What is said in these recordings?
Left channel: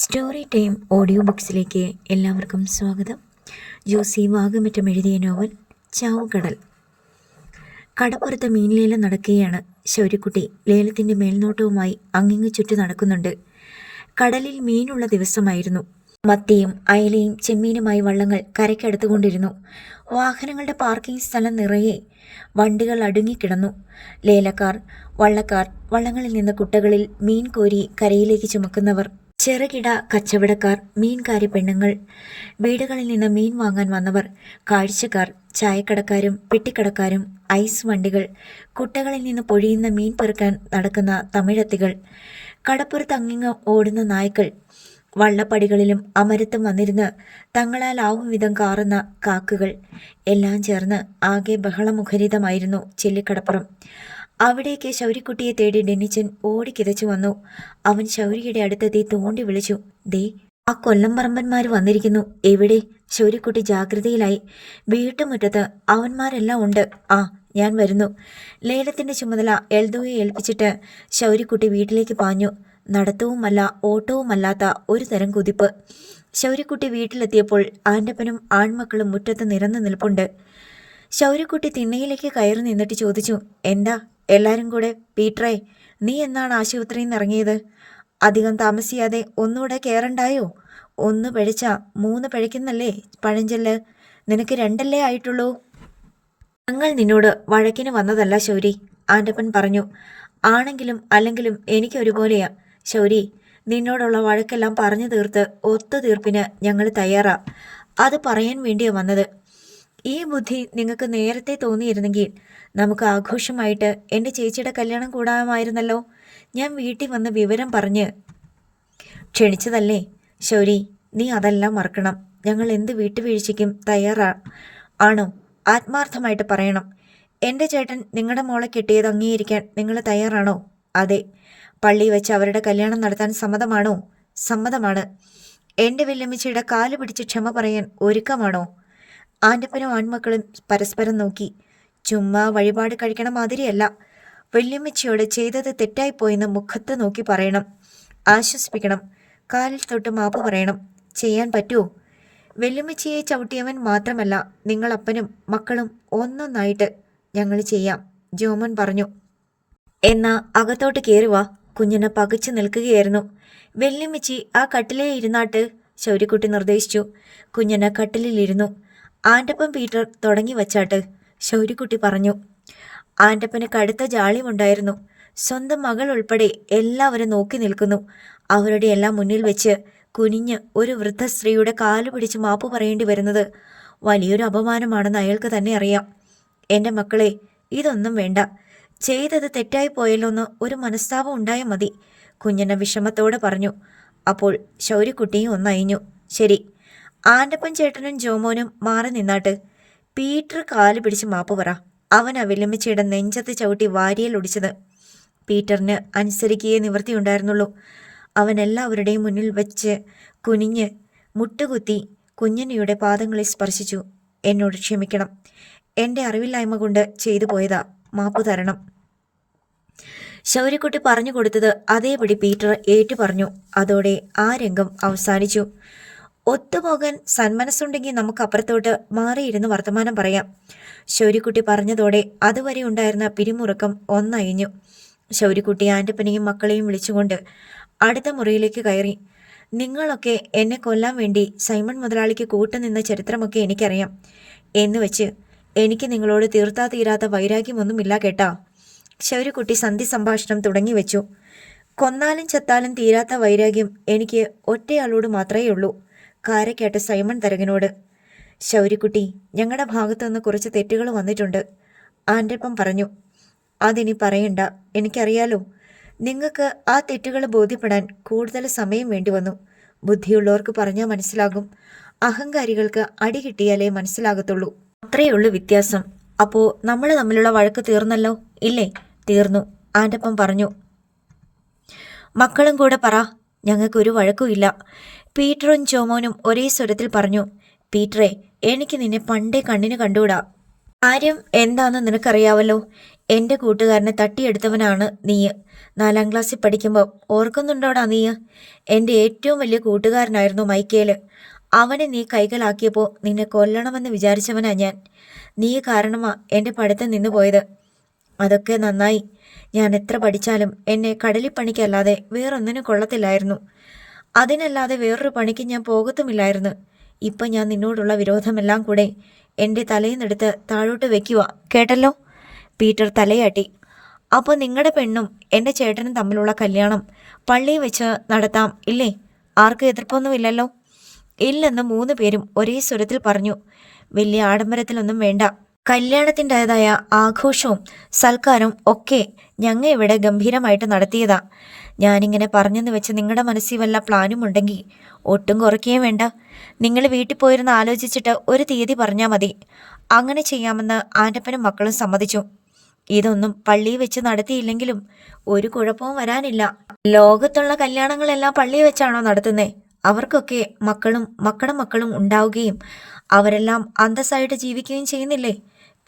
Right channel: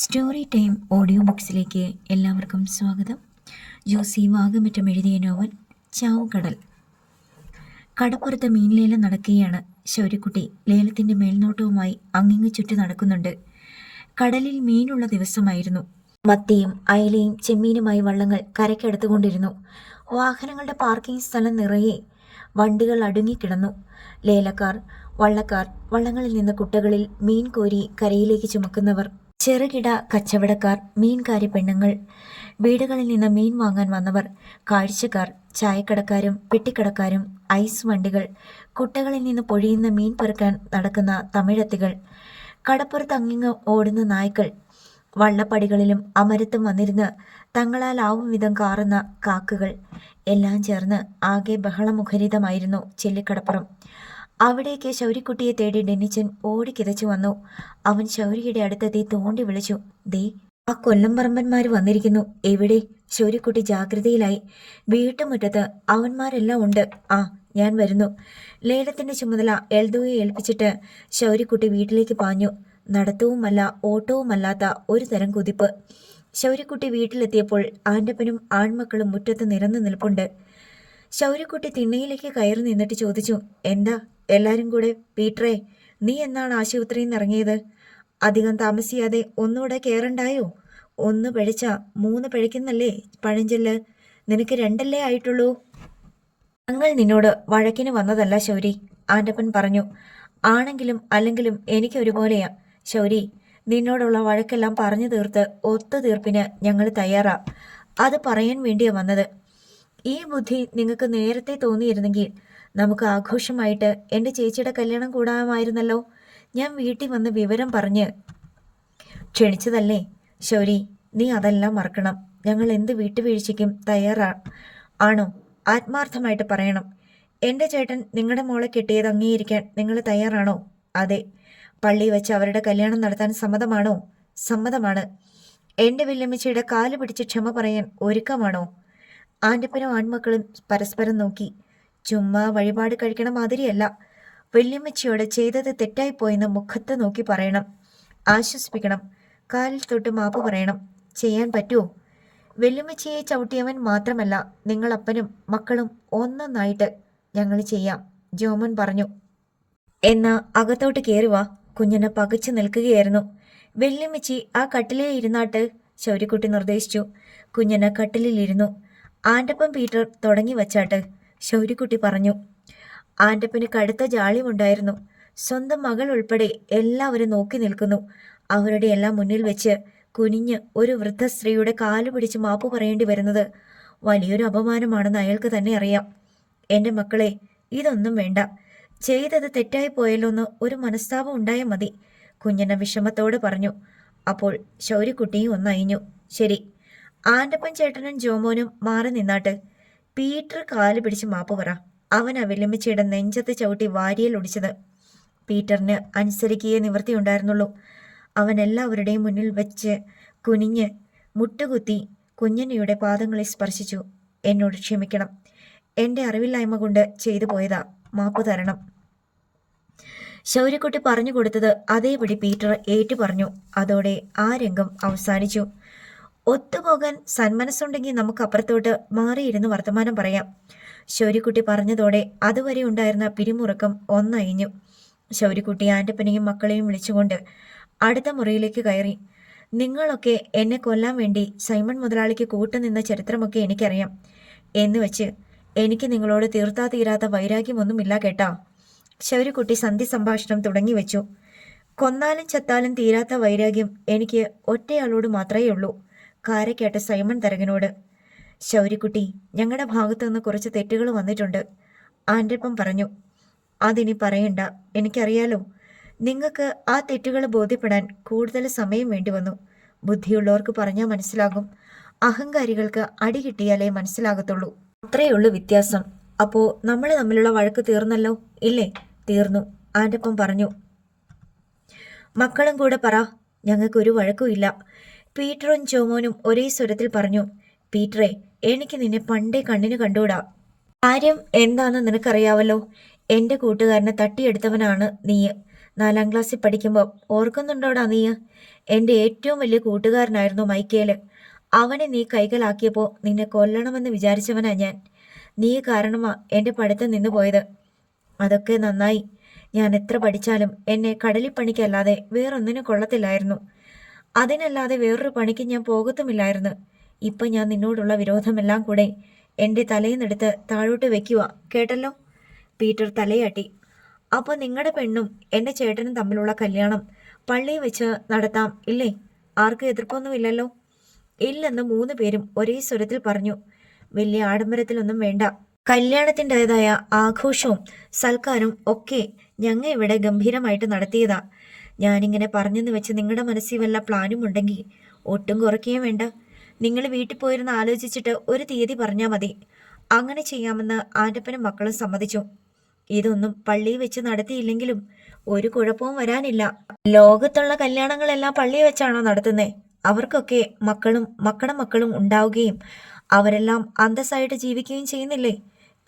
Story time audio ബുക്സിലേക്ക് എല്ലാവർക്കും സ്വാഗതം. ജോസി വാഗമറ്റം എഴുതിയ നോവൽ ചാവുകടൽ. കടപ്പുറത്ത് മീൻ ലേലം നടക്കുകയാണ്. ശൗര്യക്കുട്ടി ലേലത്തിൻ്റെ മേൽനോട്ടവുമായി അങ്ങിങ്ങു ചുറ്റി നടക്കുന്നുണ്ട്. കടലിൽ മീനുള്ള ദിവസമായിരുന്നു. മത്തിയും അയലയും ചെമ്മീനുമായി വള്ളങ്ങൾ കരയ്ക്കടുത്തുകൊണ്ടിരുന്നു. വാഹനങ്ങളുടെ പാർക്കിംഗ് സ്ഥലം നിറയെ വണ്ടികൾ അടുങ്ങിക്കിടന്നു. ലേലക്കാർ, വള്ളക്കാർ, വള്ളങ്ങളിൽ നിന്ന് കുട്ടകളിൽ മീൻ കോരി കരയിലേക്ക് ചുമക്കുന്നവർ, ചെറുകിട കച്ചവടക്കാർ, മീൻകാരി പെണ്ണുങ്ങൾ, വീടുകളിൽ നിന്ന് മീൻ വാങ്ങാൻ വന്നവർ, കാഴ്ചക്കാർ, ചായക്കടക്കാരും പെട്ടിക്കടക്കാരും, ഐസ് വണ്ടികൾ, കുട്ടകളിൽ നിന്ന് പൊഴിയുന്ന മീൻ പെറുക്കാൻ നടക്കുന്ന തമിഴത്തികൾ, കടപ്പുറത്ത് അങ്ങിങ്ങ് ഓടുന്ന നായ്ക്കൾ, വള്ളപ്പടികളിലും അമരത്തും വന്നിരുന്ന് തങ്ങളാലാവും വിധം കാറുന്ന കാക്കുകൾ, എല്ലാം ചേർന്ന് ആകെ ബഹളമുഖരിതമായിരുന്നു ചെല്ലിക്കടപ്പുറം. അവിടേക്ക് ശൗര്യക്കുട്ടിയെ തേടി ഡെന്നിച്ചൻ ഓടിക്കിതച്ചു വന്നു. അവൻ ശൗര്യയുടെ അടുത്തെത്തി തോണ്ടി വിളിച്ചു. ദേ, ആ കൊല്ലംപറമ്പന്മാർ വന്നിരിക്കുന്നു. എവിടെ? ശൗര്യക്കുട്ടി ജാഗ്രതയിലായി. വീട്ടുമുറ്റത്ത്. അവന്മാരെല്ലാം ഉണ്ട്. ആ, ഞാൻ വരുന്നു. ലേലത്തിന്റെ ചുമതല എൽദോയെ ഏൽപ്പിച്ചിട്ട് ശൗര്യക്കുട്ടി വീട്ടിലേക്ക് പാഞ്ഞു. നടത്തവുമല്ല ഓട്ടവുമല്ലാത്ത ഒരു തരം കുതിപ്പ്. ശൗര്യക്കുട്ടി വീട്ടിലെത്തിയപ്പോൾ ആൻ്റപ്പനും ആൺമക്കളും മുറ്റത്ത് നിരന്നു നിൽപ്പുണ്ട്. ശൗര്യക്കുട്ടി തിണ്ണയിലേക്ക് കയറി നിന്നിട്ട് ചോദിച്ചു, എന്താ എല്ലാവരും കൂടെ? പീറ്ററേ, നീ എന്നാണ് ആശുപത്രിയിൽ നിന്ന് ഇറങ്ങിയത്? അധികം താമസിയാതെ ഒന്നുകൂടെ കയറണ്ടായോ? ഒന്ന് പഴിച്ച മൂന്ന് പഴിക്കുന്നല്ലേ പഴഞ്ചൊല്ല്. നിനക്ക് രണ്ടല്ലേ ആയിട്ടുള്ളൂ. ഞങ്ങൾ നിന്നോട് വഴക്കിന് വന്നതല്ല ശൗരി, ആൻ്റപ്പൻ പറഞ്ഞു. ആണെങ്കിലും അല്ലെങ്കിലും എനിക്ക് ഒരുപോലെയാ ശൗരി. നിന്നോടുള്ള വഴക്കെല്ലാം പറഞ്ഞു തീർത്ത് ഒത്തുതീർപ്പിന് ഞങ്ങൾ തയ്യാറാ. അത് പറയാൻ വേണ്ടിയാ വന്നത്. ഈ ബുദ്ധി നിങ്ങൾക്ക് നേരത്തെ തോന്നിയിരുന്നെങ്കിൽ നമുക്ക് ആഘോഷമായിട്ട് എൻ്റെ ചേച്ചിയുടെ കല്യാണം കൂടാമായിരുന്നല്ലോ. ഞാൻ വീട്ടിൽ വന്ന് വിവരം പറഞ്ഞ് ക്ഷണിച്ചതല്ലേ ശൗരി. നീ അതെല്ലാം മറക്കണം. ഞങ്ങൾ എന്ത് വീട്ടുവീഴ്ചയ്ക്കും തയ്യാറാ. ആണോ? ആത്മാർത്ഥമായിട്ട് പറയണം. എൻ്റെ ചേട്ടൻ നിങ്ങളുടെ മോളെ കെട്ടിയത് അംഗീകരിക്കാൻ നിങ്ങൾ തയ്യാറാണോ? അതെ. പള്ളി വെച്ച് അവരുടെ കല്യാണം നടത്താൻ സമ്മതമാണോ? സമ്മതമാണ്. എൻ്റെ വല്യമ്മച്ചിയുടെ കാല് പിടിച്ച് ക്ഷമ പറയാൻ ഒരുക്കമാണോ? ആൻ്റപ്പനും ആൺമക്കളും പരസ്പരം നോക്കി. ചുമ്മാ വഴിപാട് കഴിക്കണ മാതിരിയല്ല. വല്യമ്മച്ചിയോട് ചെയ്തത് തെറ്റായിപ്പോയെന്ന് മുഖത്ത് നോക്കി പറയണം. ആശ്വസിപ്പിക്കണം. കാലിൽ തൊട്ട് മാപ്പ് പറയണം. ചെയ്യാൻ പറ്റുമോ? വല്യമ്മച്ചിയെ ചവിട്ടിയവൻ മാത്രമല്ല, നിങ്ങളപ്പനും മക്കളും ഒന്നൊന്നായിട്ട് ഞങ്ങൾ ചെയ്യാം, ജോമൻ പറഞ്ഞു. എന്നാ അകത്തോട്ട് കയറുവാ. കുഞ്ഞിനെ പകച്ചു നിൽക്കുകയായിരുന്നു. വല്യമ്മച്ചി ആ കട്ടിലേ ഇരുന്നാട്ട്, ശൗര്യക്കുട്ടി നിർദ്ദേശിച്ചു. കുഞ്ഞിനെ കട്ടിലിരുന്നു. ആൻ്റപ്പൻ പീറ്റർ തുടങ്ങി വച്ചാട്ട്, ശൗര്യക്കുട്ടി പറഞ്ഞു. ആൻ്റപ്പന് കടുത്ത ജാള്യമുണ്ടായിരുന്നു. സ്വന്തം മകൾ ഉൾപ്പെടെ എല്ലാവരും നോക്കി നിൽക്കുന്നു. അവരുടെ എല്ലാം മുന്നിൽ വെച്ച് കുനിഞ്ഞ് ഒരു വൃദ്ധ സ്ത്രീയുടെ കാല് പിടിച്ച് മാപ്പ് പറയേണ്ടി വരുന്നത് വലിയൊരു അപമാനമാണെന്ന് അയാൾക്ക് തന്നെ അറിയാം. എൻ്റെ മക്കളെ, ഇതൊന്നും വേണ്ട. ചെയ്തത് തെറ്റായി പോയല്ലോന്ന് ഒരു മനസ്താപം ഉണ്ടായാൽ മതി, കുഞ്ഞനെ വിഷമത്തോടെ പറഞ്ഞു. അപ്പോൾ ശൗര്യക്കുട്ടിയും ഒന്നയഞ്ഞു. ശരി, ആൻ്റപ്പൻ ചേട്ടനും ജോമോനും മാറി നിന്നാട്ട്. പീറ്റർ കാല് പിടിച്ച് മാപ്പ് പറ. അവനാ വല്യമ്മച്ചിയുടെ നെഞ്ചത്ത് ചവിട്ടി വാരിയൽ ഒടിച്ചത്. പീറ്ററിന് അനുസരിക്കുകയേ നിവൃത്തിയുണ്ടായിരുന്നുള്ളൂ. അവൻ എല്ലാവരുടെയും മുന്നിൽ വെച്ച് കുനിഞ്ഞ് മുട്ടുകുത്തി കുഞ്ഞനയുടെ പാദങ്ങളിൽ സ്പർശിച്ചു. എന്നോട് ക്ഷമിക്കണം. എൻ്റെ അറിവില്ലായ്മ കൊണ്ട് ചെയ്തു പോയതാ. മാപ്പ് തരണം. ശൗര്യക്കുട്ടി പറഞ്ഞു കൊടുത്തത് അതേപടി പീറ്റർ ഏറ്റു പറഞ്ഞു. അതോടെ ആ രംഗം അവസാനിച്ചു. ഒത്തുപോകാൻ സന്മനസ്സുണ്ടെങ്കിൽ നമുക്ക് അപ്പുറത്തോട്ട് മാറിയിരുന്ന് വർത്തമാനം പറയാം. ശൗര്യക്കുട്ടി പറഞ്ഞതോടെ അതുവരെ ഉണ്ടായിരുന്ന പിരിമുറുക്കം ഒന്നയഞ്ഞു. ശൗര്യക്കുട്ടി ആൻ്റപ്പനെയും മക്കളെയും വിളിച്ചുകൊണ്ട് അടുത്ത മുറിയിലേക്ക് കയറി. നിങ്ങളൊക്കെ എന്നെ കൊല്ലാൻ വേണ്ടി സൈമൺ മുതലാളിക്ക് കൂട്ടുനിന്ന ചരിത്രമൊക്കെ എനിക്കറിയാം. എന്ന് വെച്ച് എനിക്ക് നിങ്ങളോട് തീർത്താ തീരാത്ത വൈരാഗ്യമൊന്നുമില്ല കേട്ടാ. ശൗര്യക്കുട്ടി സന്ധി സംഭാഷണം തുടങ്ങി വെച്ചു. കൊന്നാലും ചത്താലും തീരാത്ത വൈരാഗ്യം എനിക്ക് ഒറ്റയാളോട് മാത്രമേ ഉള്ളൂ, കാരക്കാട്ട് സൈമൺ തരകനോട്. ശൗര്യക്കുട്ടി, ഞങ്ങളുടെ ഭാഗത്തുനിന്ന് കുറച്ച് തെറ്റുകൾ വന്നിട്ടുണ്ട്, ആൻ്റപ്പൻ പറഞ്ഞു. അതിനി പറയണ്ട, എനിക്കറിയാലോ. നിങ്ങൾക്ക് ആ തെറ്റുകൾ ബോധ്യപ്പെടാൻ കൂടുതൽ സമയം വേണ്ടി വന്നു. ബുദ്ധിയുള്ളവർക്ക് പറഞ്ഞാൽ മനസ്സിലാകും. അഹങ്കാരികൾക്ക് അടി കിട്ടിയാലേ മനസ്സിലാകത്തുള്ളൂ. അത്രയുള്ളൂ വ്യത്യാസം. അപ്പോൾ നമ്മൾ തമ്മിലുള്ള വഴക്ക് തീർന്നല്ലോ ഇല്ലേ? തീർന്നു, ആൻ്റപ്പൻ പറഞ്ഞു. മക്കളും കൂടെ പറ. ഞങ്ങൾക്കൊരു വഴക്കുമില്ല, പീറ്ററും ജോമോനും ഒരേ സ്വരത്തിൽ പറഞ്ഞു. പീറ്ററെ, എനിക്ക് നിന്നെ പണ്ടേ കണ്ണിന് കണ്ടുകൂടാ. കാര്യം എന്താണെന്ന് നിനക്കറിയാവല്ലോ. എൻ്റെ കൂട്ടുകാരനെ തട്ടിയെടുത്തവനാണ് നീ. 4ാം ക്ലാസ്സിൽ പഠിക്കുമ്പോൾ ഓർക്കുന്നുണ്ടോടാ നീ? എൻ്റെ ഏറ്റവും വലിയ കൂട്ടുകാരനായിരുന്നു മൈക്കേല്. അവനെ നീ കൈക്കലാക്കിയപ്പോൾ നിന്നെ കൊല്ലണമെന്ന് വിചാരിച്ചവനാ ഞാൻ. നീ കാരണമാ എൻ്റെ പഠിത്തം നിന്നുപോയത്. അതൊക്കെ നന്നായി. ഞാൻ എത്ര പഠിച്ചാലും എന്നെ കടലിൽ പണിക്കല്ലാതെ വേറൊന്നിനും കൊള്ളത്തില്ലായിരുന്നു. അതിനല്ലാതെ വേറൊരു പണിക്ക് ഞാൻ പോകത്തുമില്ലായിരുന്നു. ഇപ്പം ഞാൻ നിന്നോടുള്ള വിരോധമെല്ലാം കൂടെ എൻ്റെ തലയിന്നെടുത്ത് താഴോട്ട് വെക്കുക. കേട്ടല്ലോ? പീറ്റർ തലയാട്ടി. അപ്പോൾ നിങ്ങളുടെ പെണ്ണും എൻ്റെ ചേട്ടനും തമ്മിലുള്ള കല്യാണം പള്ളിയിൽ വെച്ച് നടത്താം ഇല്ലേ? ആർക്കും എതിർപ്പൊന്നുമില്ലല്ലോ? ഇല്ലെന്ന് 3 പേരും ഒരേ സ്വരത്തിൽ പറഞ്ഞു. വലിയ ആഡംബരത്തിലൊന്നും വേണ്ട. കല്യാണത്തിൻ്റെതായ ആഘോഷവും സൽക്കാരവും ഒക്കെ ഞങ്ങൾ ഇവിടെ ഗംഭീരമായിട്ട് നടത്തിയതാ. ഞാനിങ്ങനെ പറഞ്ഞെന്ന് വെച്ച് നിങ്ങളുടെ മനസ്സിൽ വല്ല പ്ലാനും ഉണ്ടെങ്കിൽ ഒട്ടും കുറയ്ക്കുകയും വേണ്ട. നിങ്ങൾ വീട്ടിൽ പോയിരുന്ന് ആലോചിച്ചിട്ട് ഒരു തീയതി പറഞ്ഞാൽ മതി. അങ്ങനെ ചെയ്യാമെന്ന് ആൻ്റപ്പനും മക്കളും സമ്മതിച്ചു. ഇതൊന്നും പള്ളിയിൽ വെച്ച് നടത്തിയില്ലെങ്കിലും ഒരു കുഴപ്പവും വരാനില്ല. ലോകത്തുള്ള കല്യാണങ്ങളെല്ലാം പള്ളിയിൽ വെച്ചാണോ നടത്തുന്നത്? അവർക്കൊക്കെ മക്കളും മക്കളും ഉണ്ടാവുകയും അവരെല്ലാം അന്തസ്സായിട്ട് ജീവിക്കുകയും ചെയ്യുന്നില്ലേ?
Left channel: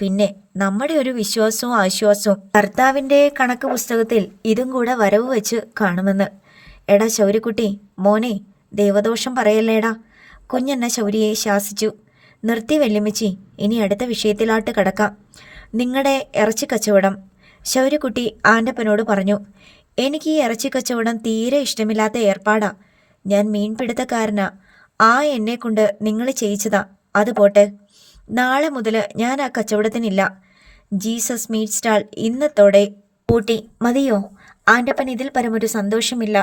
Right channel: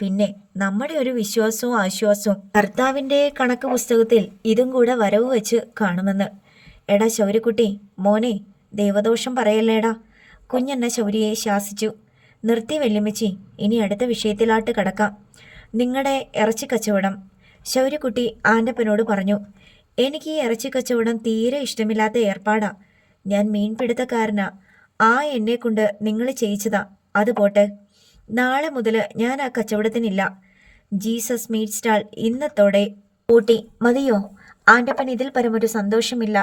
പിന്നെ നമ്മുടെ ഒരു വിശ്വാസവും ആശ്വാസവും കർത്താവിൻ്റെ കണക്ക് പുസ്തകത്തിൽ ഇതും കൂടെ വരവ് വെച്ച് കാണുമെന്ന്. എടാ ശൗര്യക്കുട്ടി, മോനെ, ദൈവദോഷം പറയല്ലേടാ. കുഞ്ഞെന്ന ശൗര്യയെ ശാസിച്ചു. നിർത്തി വെല്ലുമിച്ചി, ഇനി അടുത്ത വിഷയത്തിലാട്ട് കടക്കാം. നിങ്ങളുടെ ഇറച്ചി കച്ചവടം. ശൗര്യക്കുട്ടി ആൻ്റപ്പനോട് പറഞ്ഞു. എനിക്ക് ഈ ഇറച്ചി കച്ചവടം തീരെ ഇഷ്ടമില്ലാത്ത ഏർപ്പാടാ. ഞാൻ മീൻപിടുത്തക്കാരനാ. എന്നെ കൊണ്ട് നിങ്ങൾ ചെയ്യിച്ചതാ. അത് പോട്ടെ, നാളെ മുതൽ ഞാൻ ആ കച്ചവടത്തിനില്ല. ജീസസ് മീറ്റ് സ്റ്റാൾ ഇന്നത്തോടെ പൂട്ടി. മതിയോ? ആൻ്റപ്പൻ ഇതിൽ പരമൊരു സന്തോഷമില്ല.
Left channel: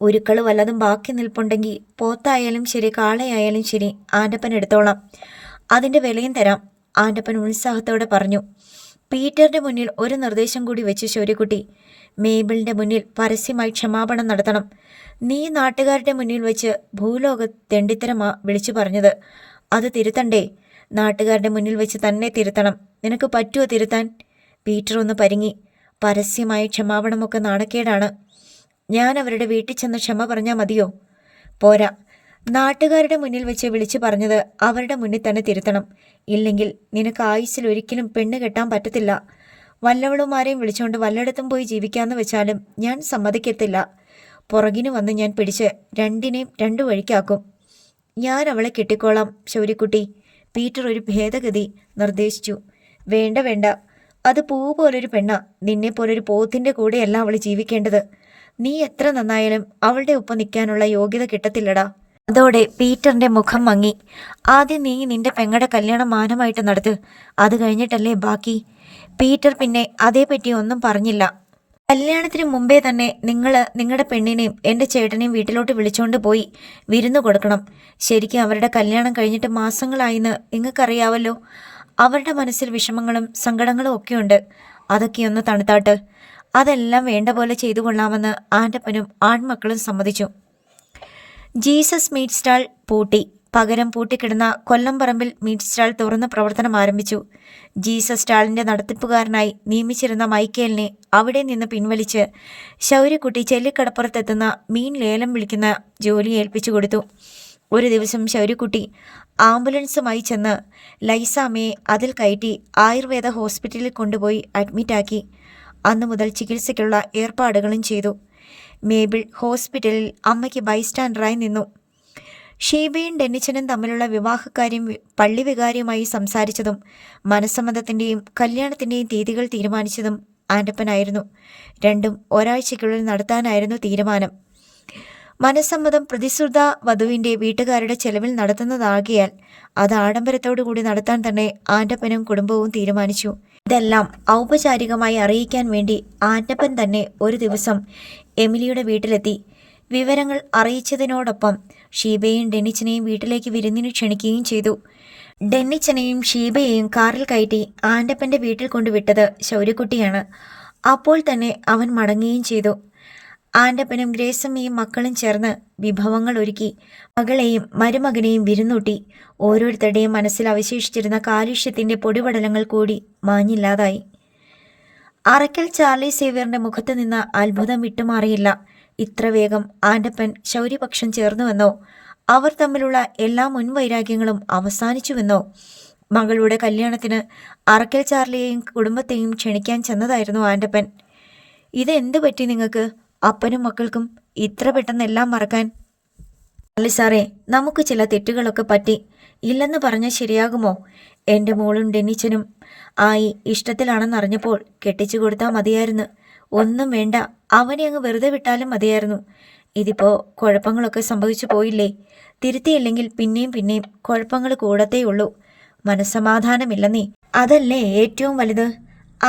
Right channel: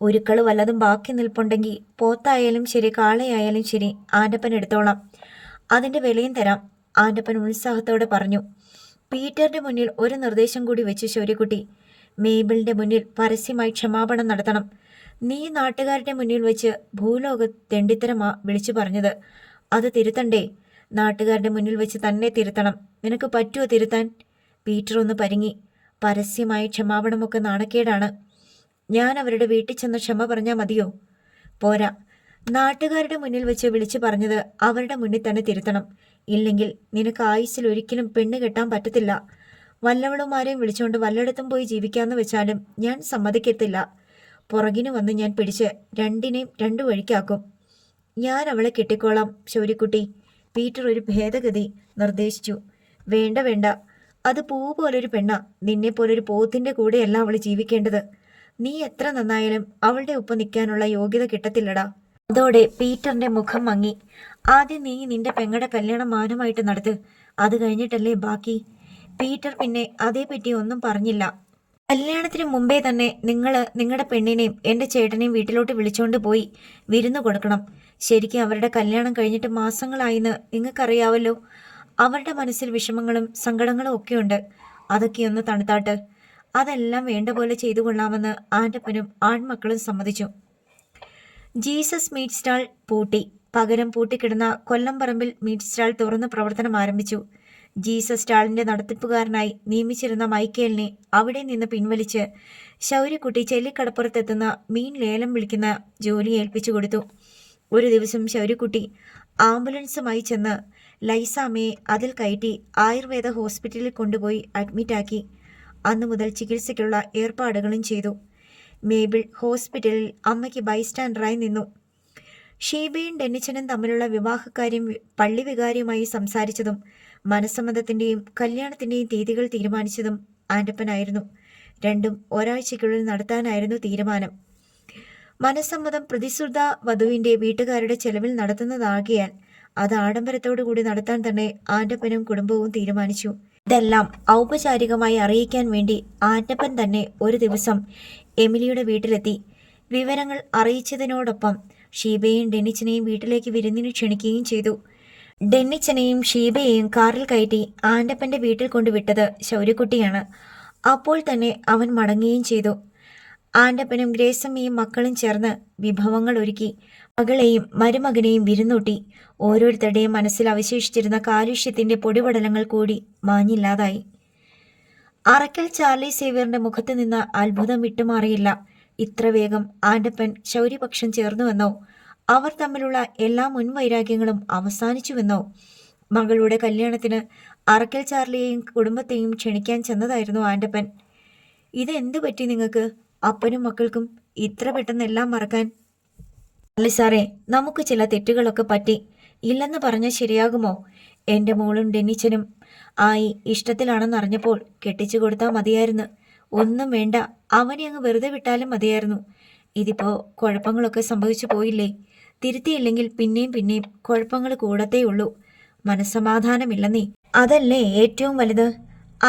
ഒരുക്കള് വല്ലതും ബാക്കി നിൽപ്പുണ്ടെങ്കിൽ പോത്തായാലും ശരി കാളയായാലും ശരി ആൻ്റപ്പൻ എടുത്തോളാം. അതിൻ്റെ വിലയും തരാം, ആൻ്റപ്പൻ ഉത്സാഹത്തോടെ പറഞ്ഞു. പീറ്ററിൻ്റെ മുന്നിൽ ഒരു നിർദ്ദേശം കൂടി വെച്ച് ശൗര്യക്കുട്ടി. മേബിളിൻ്റെ മുന്നിൽ പരസ്യമായി ക്ഷമാപണം നടത്തണം. നീ നാട്ടുകാരുടെ മുന്നിൽ വെച്ച് ഭൂലോക തെണ്ടിത്തരമാ വിളിച്ചു പറഞ്ഞത്. അത് തിരുത്തണ്ടേ? നാട്ടുകാരുടെ മുന്നിൽ വെച്ച് തന്നെ തിരുത്തണം. നിനക്ക് പറ്റുമോ തിരുത്താൻ? പീറ്റർ ഒന്ന് പരിങ്ങി. പരസ്യമായ ക്ഷമാപണമൊക്കെ നാണക്കേടാണ്. ഞാൻ അവരുടെ വീട്ടിൽ ചെന്ന് ക്ഷമ പറഞ്ഞാൽ മതിയോ? പോരാ, നാട്ടുകാരുടെ മുന്നിൽ വെച്ച് വിളിച്ചു പറഞ്ഞത് അവരുടെ മുന്നിൽ തന്നെ തിരുത്തണം. ഇല്ലെങ്കിൽ നിനക്ക് ആയുസ്സിൽ ഒരിക്കലും പെണ്ണ് കെട്ടാൻ പറ്റത്തില്ല. വല്ലവളുമാരെയും വിളിച്ചുകൊണ്ട് വല്ലയിടത്തും പോയി ജീവിക്കാമെന്ന് വെച്ചാലും ഞാൻ സമ്മതിക്കത്തില്ല. പുറകിന് വന്ന് ഞാൻ പിടിച്ച് രണ്ടിനെയും 2 വഴിക്കാക്കും. ഞാൻ അവളെ കെട്ടിക്കോളാം ശൗര്യക്കുട്ടി, പീറ്റർ ഒരു ഭേദഗതി നിർദ്ദേശിച്ചു. വേണ്ട വേണ്ട, അത് പൂ പോലൊരു പെണ്ണ. നിന്നെപ്പോലൊരു പോത്തിൻ്റെ കൂടെയല്ല അവൾ ജീവിക്കേണ്ടത്. നീ എത്ര നന്നായാലും അവളുടെ ഒപ്പം നിൽക്കാനുള്ള യോഗ്യത കിട്ടത്തില്ലടാ. അതോടെ പീറ്ററിന്റെ മുഖം മങ്ങി. ആദ്യം നീ നിന്റെ പെങ്ങളുടെ കല്യാണം മാനമായിട്ട് നടത്ത്, അത് കഴിഞ്ഞിട്ടല്ലേ ബാക്കി. പീറ്റർ പിന്നെ അതേപറ്റി ഒന്നും പറഞ്ഞില്ല. കല്യാണത്തിന് മുമ്പേ തന്നെ നിങ്ങളുടെ പെണ്ണിനെയും എൻ്റെ ചേട്ടനെയും വീട്ടിലോട്ട് വിളിച്ചുകൊണ്ട് പോയി വിരുന്ന് കൊടുക്കണം. ശരിക്കും അവരുടെ കല്യാണം കഴിഞ്ഞിട്ട് മാസങ്ങളായിന്ന് നിങ്ങൾക്കറിയാവല്ലോ. അവരുടെ മനസ്സിൽ വിഷമങ്ങളും സങ്കടങ്ങളും ഒക്കെയുണ്ട്. അതൊക്കെയൊന്ന് തണുത്താട്ട്. അതെല്ലാം വേണ്ട പോലെ ചെയ്തു കൊള്ളാമെന്ന് ആൻ്റപ്പനും ആൺമക്കളും സമ്മതിച്ചു. ജീസസ് മീറ്റ് സ്റ്റാൾ പൂട്ടി. പകരം പൂട്ടിക്കിടന്ന കൊല്ലംപറമ്പിൽ മീറ്റ് സ്റ്റാൾ തുറന്ന് പ്രവർത്തനം ആരംഭിച്ചു. ജീസസ് സ്റ്റാളിൻ്റെ നടത്തിപ്പുകാരനായി നിയമിച്ചിരുന്ന മൈക്കേലിനെ അവിടെ നിന്ന് പിൻവലിച്ച് ശൗര്യക്കുട്ടി ചെല്ലിക്കടപ്പുറത്തെത്തുന്ന മീൻ ലേലം വിളിക്കുന്ന ജോലി ഏൽപ്പിച്ചു കൊടുത്തു. ഒരു ദിവസം ശൗര്യക്കുട്ടി ആംബുലൻസുമായി ചെന്ന് ലൈസാമ്മയെ അതിൽ കയറ്റി ആയുർവേദ ഹോസ്പിറ്റലിൽ കൊണ്ടുപോയി അഡ്മിറ്റാക്കി. അന്നു മുതൽ ചികിത്സയ്ക്കുള്ള ഏർപ്പാടുകളും ചെയ്തു. മേബിൾ ഹോസ്പിറ്റലിൽ അമ്മയ്ക്ക് ബൈസ്റ്റാൻഡറായി നിന്നു. ഷീബയും ഡെന്നിച്ചനും തമ്മിലുള്ള വിവാഹക്കാര്യം പള്ളി വികാരിയുമായി സംസാരിച്ചതും മനസ്സമ്മതത്തിൻ്റെയും കല്യാണത്തിൻ്റെയും തീയതികൾ തീരുമാനിച്ചതും ആൻ്റപ്പനായിരുന്നു. രണ്ടും ഒരാഴ്ചയ്ക്കുള്ളിൽ നടത്താനായിരുന്നു തീരുമാനം. മനസ്സമ്മതം പ്രതിശ്രുത വധുവിൻ്റെ വീട്ടുകാരുടെ ചെലവിൽ നടത്തുന്നതാകിയാൽ അത് ആഡംബരത്തോടു കൂടി നടത്താൻ തന്നെ ആൻ്റപ്പനും കുടുംബവും തീരുമാനിച്ചു. ഇതെല്ലാം ഔപചാരികമായി അറിയിക്കാൻ വേണ്ടി ആൻ്റപ്പൻ തന്നെ ഒരു ദിവസം എമിലിയുടെ വീട്ടിലെത്തി. വിവരങ്ങൾ അറിയിച്ചതിനോടൊപ്പം ഷീബയെയും ഡെന്നിച്ചനെയും വീട്ടിലേക്ക് വിരുന്നിന് ക്ഷണിക്കുകയും ചെയ്തു. ഡെന്നിച്ചനെയും ഷീബയെയും കാറിൽ കയറ്റി ആൻ്റപ്പൻ്റെ വീട്ടിൽ കൊണ്ടുവിട്ടത് ശൗര്യക്കുട്ടിയാണ്. അപ്പോൾ തന്നെ അവൻ മടങ്ങുകയും ചെയ്തു. ആൻ്റപ്പനും ഗ്രേസമ്മയും മക്കളും ചേർന്ന് വിഭവങ്ങൾ ഒരുക്കി മകളെയും മരുമകനെയും വിരുന്നൂട്ടി. ഓരോരുത്തരുടെയും മനസ്സിൽ അവശേഷിച്ചിരുന്ന കാലുഷ്യത്തിൻ്റെ പൊടിപടലങ്ങൾ കൂടി മാഞ്ഞില്ലാതായി. അറക്കൽ ചാർലി സേവ്യറിൻ്റെ മുഖത്ത് നിന്ന് അത്ഭുതം വിട്ടുമാറിയില്ല. ഇത്ര വേഗം ആൻ്റപ്പൻ ശൗര്യപക്ഷം ചേർന്നുവെന്നോ അവർ തമ്മിലുള്ള എല്ലാ മുൻവൈരാഗ്യങ്ങളും അവസാനിച്ചുവെന്നോ. മകളുടെ കല്യാണത്തിന് അറക്കൽ ചാർലിയെയും കുടുംബത്തെയും ക്ഷണിക്കാൻ ചെന്നതായിരുന്നു ആൻ്റപ്പൻ. ഇതെന്ത് പറ്റി നിങ്ങൾക്ക്? അപ്പനും മക്കൾക്കും ഇത്ര പെട്ടെന്ന് എല്ലാം മറക്കാൻ? അല്ല സാറേ, നമുക്ക് ചില തെറ്റുകളൊക്കെ പറ്റി. ഇല്ലെന്ന് പറഞ്ഞാൽ ശരിയാകുമോ? എൻ്റെ മോളും ഡെന്നിച്ചനും ആയി ഇഷ്ടത്തിലാണെന്നറിഞ്ഞപ്പോൾ കെട്ടിച്ചു കൊടുത്താൽ മതിയായിരുന്നു. ഒന്നും വേണ്ട, അവനെ അങ്ങ് വെറുതെ വിട്ടാലും മതിയായിരുന്നു. ഇതിപ്പോൾ കുഴപ്പങ്ങളൊക്കെ സംഭവിച്ചു പോയില്ലേ? തിരുത്തിയില്ലെങ്കിൽ പിന്നെയും പിന്നെയും കുഴപ്പങ്ങൾ കൂടത്തേയുള്ളൂ. മനസ്സമാധാനമില്ലെന്നേ, അതല്ലേ ഏറ്റവും വലുത്.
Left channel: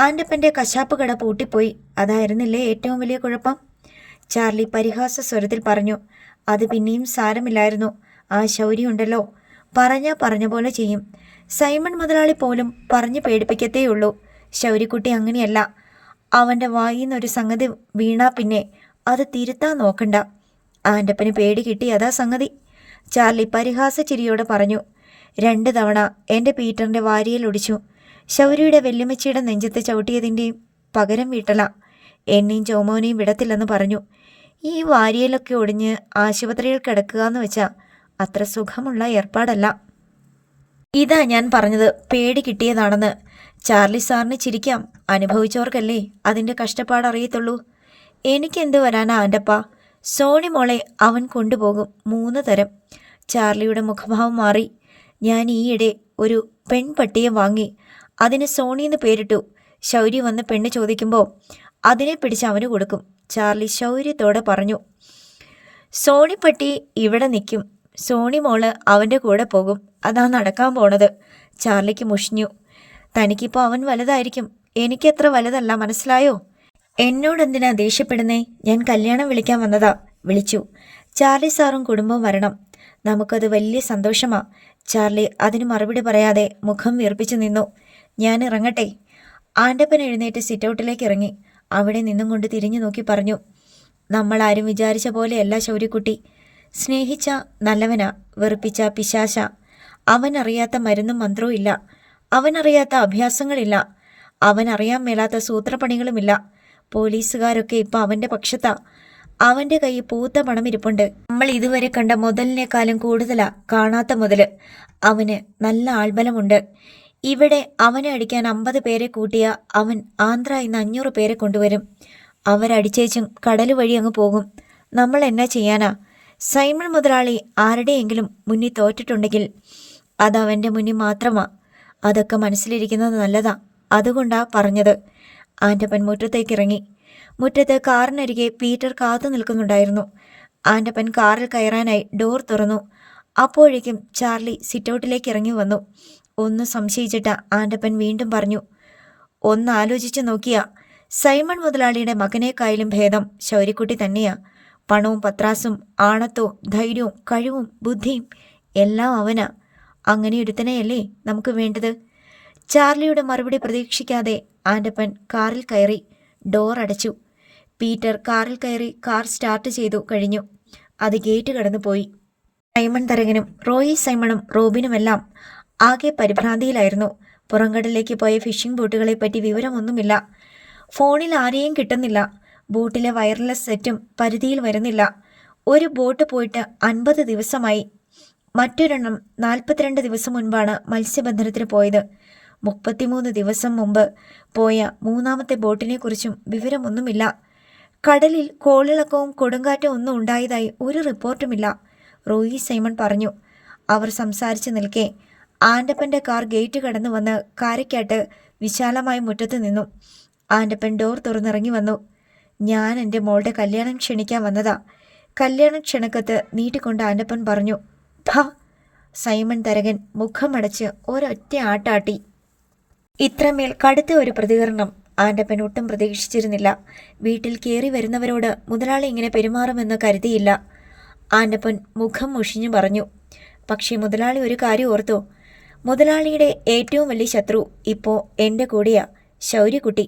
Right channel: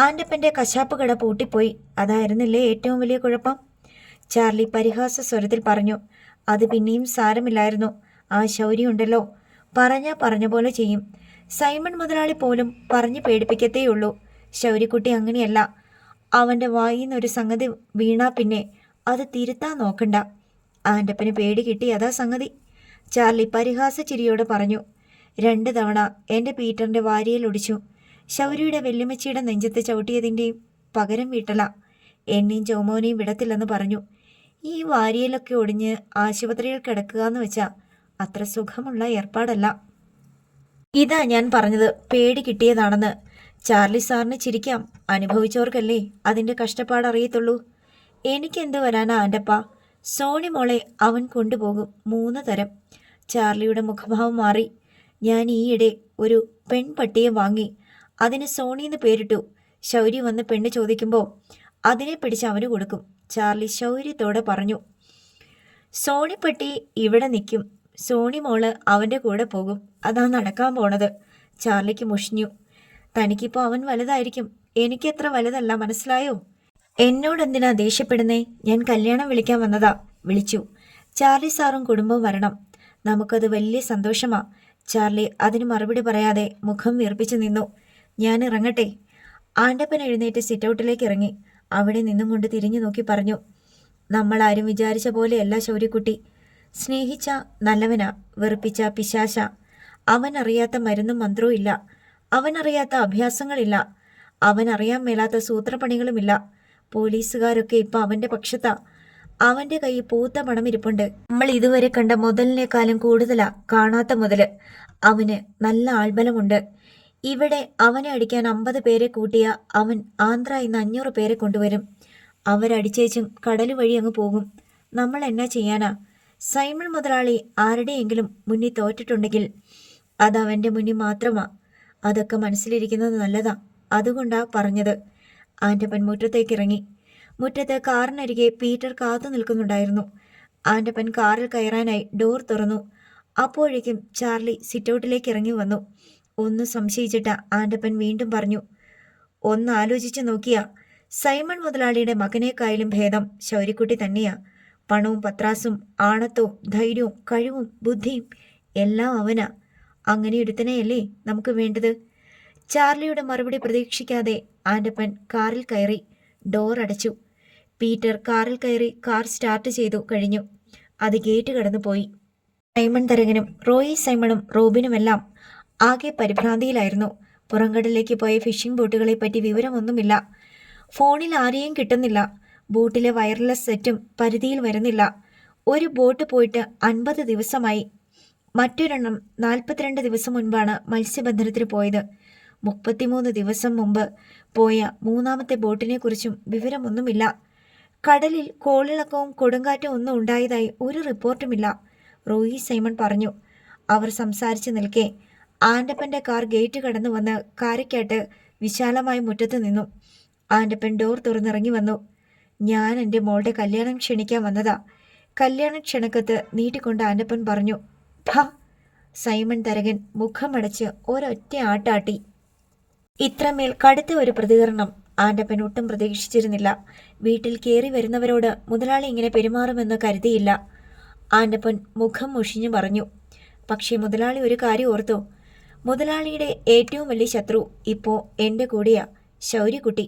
ആൻ്റപ്പൻ്റെ കശാപ്പ് കട പൂട്ടിപ്പോയി, അതായിരുന്നില്ലേ ഏറ്റവും വലിയ കുഴപ്പം? ചാർലി പരിഹാസ സ്വരത്തിൽ പറഞ്ഞു. അത് പിന്നെയും സാരമില്ലായിരുന്നു. ആ ശൗര്യമുണ്ടല്ലോ, പറഞ്ഞ പോലെ ചെയ്യും. സൈമൺ മുതലാളി പോലും പറഞ്ഞു പേടിപ്പിക്കത്തേയുള്ളൂ. ശൗര്യക്കുട്ടി അങ്ങനെയല്ല. അവൻ്റെ വായിന്നൊരു സംഗതി വീണാ പിന്നെ അത് തിരുത്താൻ നോക്കണ്ട. ആൻ്റപ്പന് പേടി കിട്ടി, അതാ സംഗതി. ചാർലി പരിഹാസ ചിരിയോടെ പറഞ്ഞു. 2 തവണ എൻ്റെ പീറ്ററിൻ്റെ വാരിയിൽ ഒടിച്ചു. ശൗര്യയുടെ വെല്ലുമ്മച്ചിയുടെ നെഞ്ചത്ത് ചവിട്ടിയതിൻ്റെയും പകരം വീട്ടല. എന്നെയും ചോമോനെയും വിടത്തില്ലെന്ന് പറഞ്ഞു. ഈ വാരിയലൊക്കെ ഒടിഞ്ഞ് ആശുപത്രിയിൽ കിടക്കുക എന്ന് വെച്ചാൽ അത്ര സുഖമുള്ള ഏർപ്പാടല്ല. ഇതാ ഞാൻ പറഞ്ഞത്, പേടി കിട്ടിയതാണെന്ന്. ചാർലി സാറിന് ചിരിക്കാം, അനുഭവിച്ചവർക്കല്ലേ അതിൻ്റെ കഷ്ടപ്പാടറിയത്തുള്ളൂ. എനിക്കെന്ത് വരാനാ ആൻ്റപ്പ? സോണി മോളെ അവൻ കൊണ്ടുപോകും 3 തരം. ചാർലിയുടെ മുഖഭാവം മാറി. ഞാൻ ഈയിടെ ഒരു പെൺപട്ടിയെ വാങ്ങി. അതിന് സോണിന്ന് പേരിട്ടു. ശൗര്യ വന്ന് പെണ്ണ് ചോദിക്കുമ്പോൾ അതിനെ പിടിച്ച് അവന് കൊടുക്കും. ചാർലി ശൗര്യത്തോടെ പറഞ്ഞു. സോണിപ്പട്ടി ഇവിടെ നിൽക്കും, സോണി മോള് അവൻ്റെ കൂടെ പോകും. അതാ നടക്കാൻ പോണത്. ചാർലിക്ക് മുഷിഞ്ഞു. തനിക്കിപ്പോൾ അവൻ വലുതായിരിക്കും, എനിക്കത്ര വലുതല്ല, മനസ്സിലായോ? എന്നോടെന്തിനാ ദേഷ്യപ്പെടുന്നേ? ഞാൻ കല്യാണം വിളിക്കാൻ വന്നതാ. വിളിച്ചു. ചാർലി സാറും കുടുംബവും വരണം. നമുക്കത് വലിയ സന്തോഷമാ. ചാർലി അതിന് മറുപടി പറയാതെ മുഖം വീർപ്പിച്ചു നിന്നു. ഞാൻ ഇറങ്ങട്ടെ? ആൻ്റപ്പൻ എഴുന്നേറ്റ് സിറ്റൗട്ടിലേക്ക് ഇറങ്ങി. അവിടെ നിന്നും കൊണ്ട് തിരിഞ്ഞു നോക്കി പറഞ്ഞു. നമ്മളാരും വിചാരിച്ച പോലെയല്ല ശൗര്യക്കുട്ടി. സ്നേഹിച്ച നല്ലവനാ, വെറുപ്പിച്ച പിശാശ. അവനറിയാത്ത മരുന്നും മന്ത്രവും ഇല്ല. അവനറിയാത്ത അഭ്യാസങ്ങളില്ല. അവനറിയാൻ മേലാത്ത സൂത്രപ്പണികളുമില്ല. പോലീസുകാരൊക്കെ ഇപ്പോൾ അവൻ്റെ പക്ഷത്താ. അവൻ്റെ കയ്യിൽ പൂത്ത പണം ഇരിപ്പുണ്ട്. നമ്മൾ ഇതുവരെ കണ്ട മുതലിനേക്കാളും കൂടുതലാ കാണാത്ത മുതൽ. അവന് നല്ല ആൾബലമുണ്ട്. ഇവിടെ അവനെ അടിക്കാൻ 50 പേരെ കൂട്ടിയ അവൻ ആന്ധ്രയിൽ നിന്ന് 500 പേരെ കൊണ്ടുവരും. അവരടിച്ചേച്ചും കടൽ വഴി അങ്ങ് പോകും. നമ്മൾ എന്നാ ചെയ്യാനാ? സൈമൺ മുതലാളി ആരുടെയെങ്കിലും മുന്നിൽ തോറ്റിട്ടുണ്ടെങ്കിൽ അതവൻ്റെ മുന്നിൽ മാത്രമാ. അതൊക്കെ മനസ്സിലിരിക്കുന്നത് നല്ലതാ. അതുകൊണ്ടാ പറഞ്ഞത്. ആൻ്റപ്പൻ മുറ്റത്തേക്ക് ഇറങ്ങി. മുറ്റത്ത് കാറിനരികെ പീറ്റർ കാത്തു നിൽക്കുന്നുണ്ടായിരുന്നു. ആൻ്റപ്പൻ കാറിൽ കയറാനായി ഡോർ തുറന്നു. അപ്പോഴേക്കും ചാർലി സിറ്റൗട്ടിലേക്ക് ഇറങ്ങി വന്നു. ഒന്ന് സംശയിച്ചിട്ട് ആൻ്റപ്പൻ വീണ്ടും പറഞ്ഞു. ഒന്ന് ആലോചിച്ച് നോക്കിയാ സൈമൺ മുതലാളിയുടെ മകനേക്കായാലും ഭേദം ശൗര്യക്കുട്ടി തന്നെയാ. പണവും പത്രാസും ആണത്തവും ധൈര്യവും കഴിവും ബുദ്ധിയും എല്ലാം അവനാ. അങ്ങനെ ഒരുത്തനെയല്ലേ നമുക്ക് വേണ്ടത്? ചാർലിയുടെ മറുപടി പ്രതീക്ഷിക്കാതെ ആൻ്റപ്പൻ കാറിൽ കയറി. ഡോർ അടച്ചു. പീറ്റർ കാറിൽ കയറി കാർ സ്റ്റാർട്ട് ചെയ്തു കഴിഞ്ഞു. അത് ഗേറ്റ് കടന്നു പോയി. സൈമൺ തരകനും റോയി സൈമണും റോബിനുമെല്ലാം ആകെ പരിഭ്രാന്തിയിലായിരുന്നു. പുറംകടലിലേക്ക് പോയ ഫിഷിംഗ് ബോട്ടുകളെ പറ്റി വിവരമൊന്നുമില്ല. ഫോണിൽ ആരെയും കിട്ടുന്നില്ല. ബോട്ടിലെ വയർലെസ് സെറ്റും പരിധിയിൽ വരുന്നില്ല. ഒരു ബോട്ട് പോയിട്ട് 50 ദിവസമായി. മറ്റൊരെണ്ണം 42 ദിവസം മുൻപാണ് മത്സ്യബന്ധനത്തിന് പോയത്. 33 ദിവസം മുമ്പ് പോയ 3ാമത്തെ ബോട്ടിനെക്കുറിച്ചും വിവരമൊന്നുമില്ല. കടലിൽ കോളിളക്കവും കൊടുങ്കാറ്റും ഒന്നും ഉണ്ടായതായി ഒരു റിപ്പോർട്ടുമില്ല. റോയി സൈമൺ പറഞ്ഞു. അവർ സംസാരിച്ചു നിൽക്കെ ആൻ്റപ്പൻ്റെ കാർ ഗേറ്റ് കടന്നു വന്ന് കാരയ്ക്കാട്ട് വിശാലമായ മുറ്റത്ത് നിന്നു. ആൻ്റപ്പൻ ഡോർ തുറന്നിറങ്ങി വന്നു. ഞാൻ എൻ്റെ മോളുടെ കല്യാണം ക്ഷണിക്കാൻ വന്നതാ. കല്യാണ ക്ഷണക്കത്ത് നീട്ടിക്കൊണ്ട് ആൻ്റപ്പൻ പറഞ്ഞു. ഭ! സൈമൺ തരകൻ മുഖമടച്ച് ഒരൊറ്റ ആട്ടാട്ടി. ഇത്രമേൽ കടുത്ത ഒരു പ്രതികരണം ആൻ്റപ്പൻ ഒട്ടും പ്രതീക്ഷിച്ചിരുന്നില്ല. വീട്ടിൽ കയറി വരുന്നവരോട് മുതലാളി ഇങ്ങനെ പെരുമാറുമെന്ന് കരുതിയില്ല. ആൻ്റപ്പൻ മുഖം മുഷിഞ്ഞു പറഞ്ഞു. പക്ഷേ മുതലാളി ഒരു കാര്യം ഓർത്തു. മുതലാളിയുടെ ഏറ്റവും വലിയ ശത്രു ഇപ്പോൾ എൻ്റെ കൂടെയാ, ശൗര്യക്കുട്ടി.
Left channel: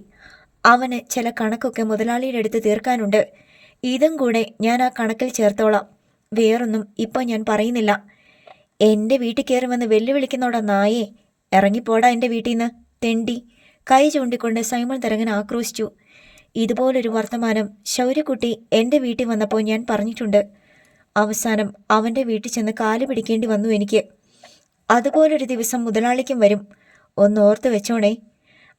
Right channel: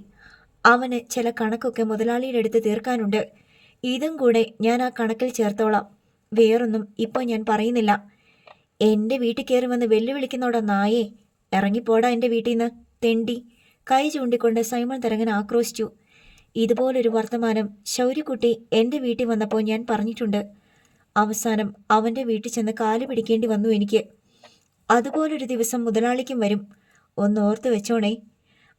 അവന് ചില കണക്കൊക്കെ മുതലാളിയുടെ അടുത്ത് തീർക്കാനുണ്ട്. ഇതും കൂടെ ഞാൻ ആ കണക്കിൽ ചേർത്തോളാം. വേറൊന്നും ഇപ്പോൾ ഞാൻ പറയുന്നില്ല. എൻ്റെ വീട്ടിൽ കയറുമെന്ന് വെല്ലുവിളിക്കുന്നോടാ നായേ. ഇറങ്ങിപ്പോടാ എൻ്റെ വീട്ടിൽ നിന്ന്, തെണ്ടി. കൈ ചൂണ്ടിക്കൊണ്ട് സൈമൺ തരകൻ ആക്രോശിച്ചു. ഇതുപോലൊരു വർത്തമാനം ശൗര്യക്കുട്ടി എൻ്റെ വീട്ടിൽ വന്നപ്പോൾ ഞാൻ പറഞ്ഞിട്ടുണ്ട്. അവസാനം അവൻ്റെ വീട്ടിൽ ചെന്ന് കാല് പിടിക്കേണ്ടി വന്നു എനിക്ക്. അതുപോലൊരു ദിവസം മുതലാളിക്കും വരും. ഒന്ന് ഓർത്ത് വെച്ചോണേ.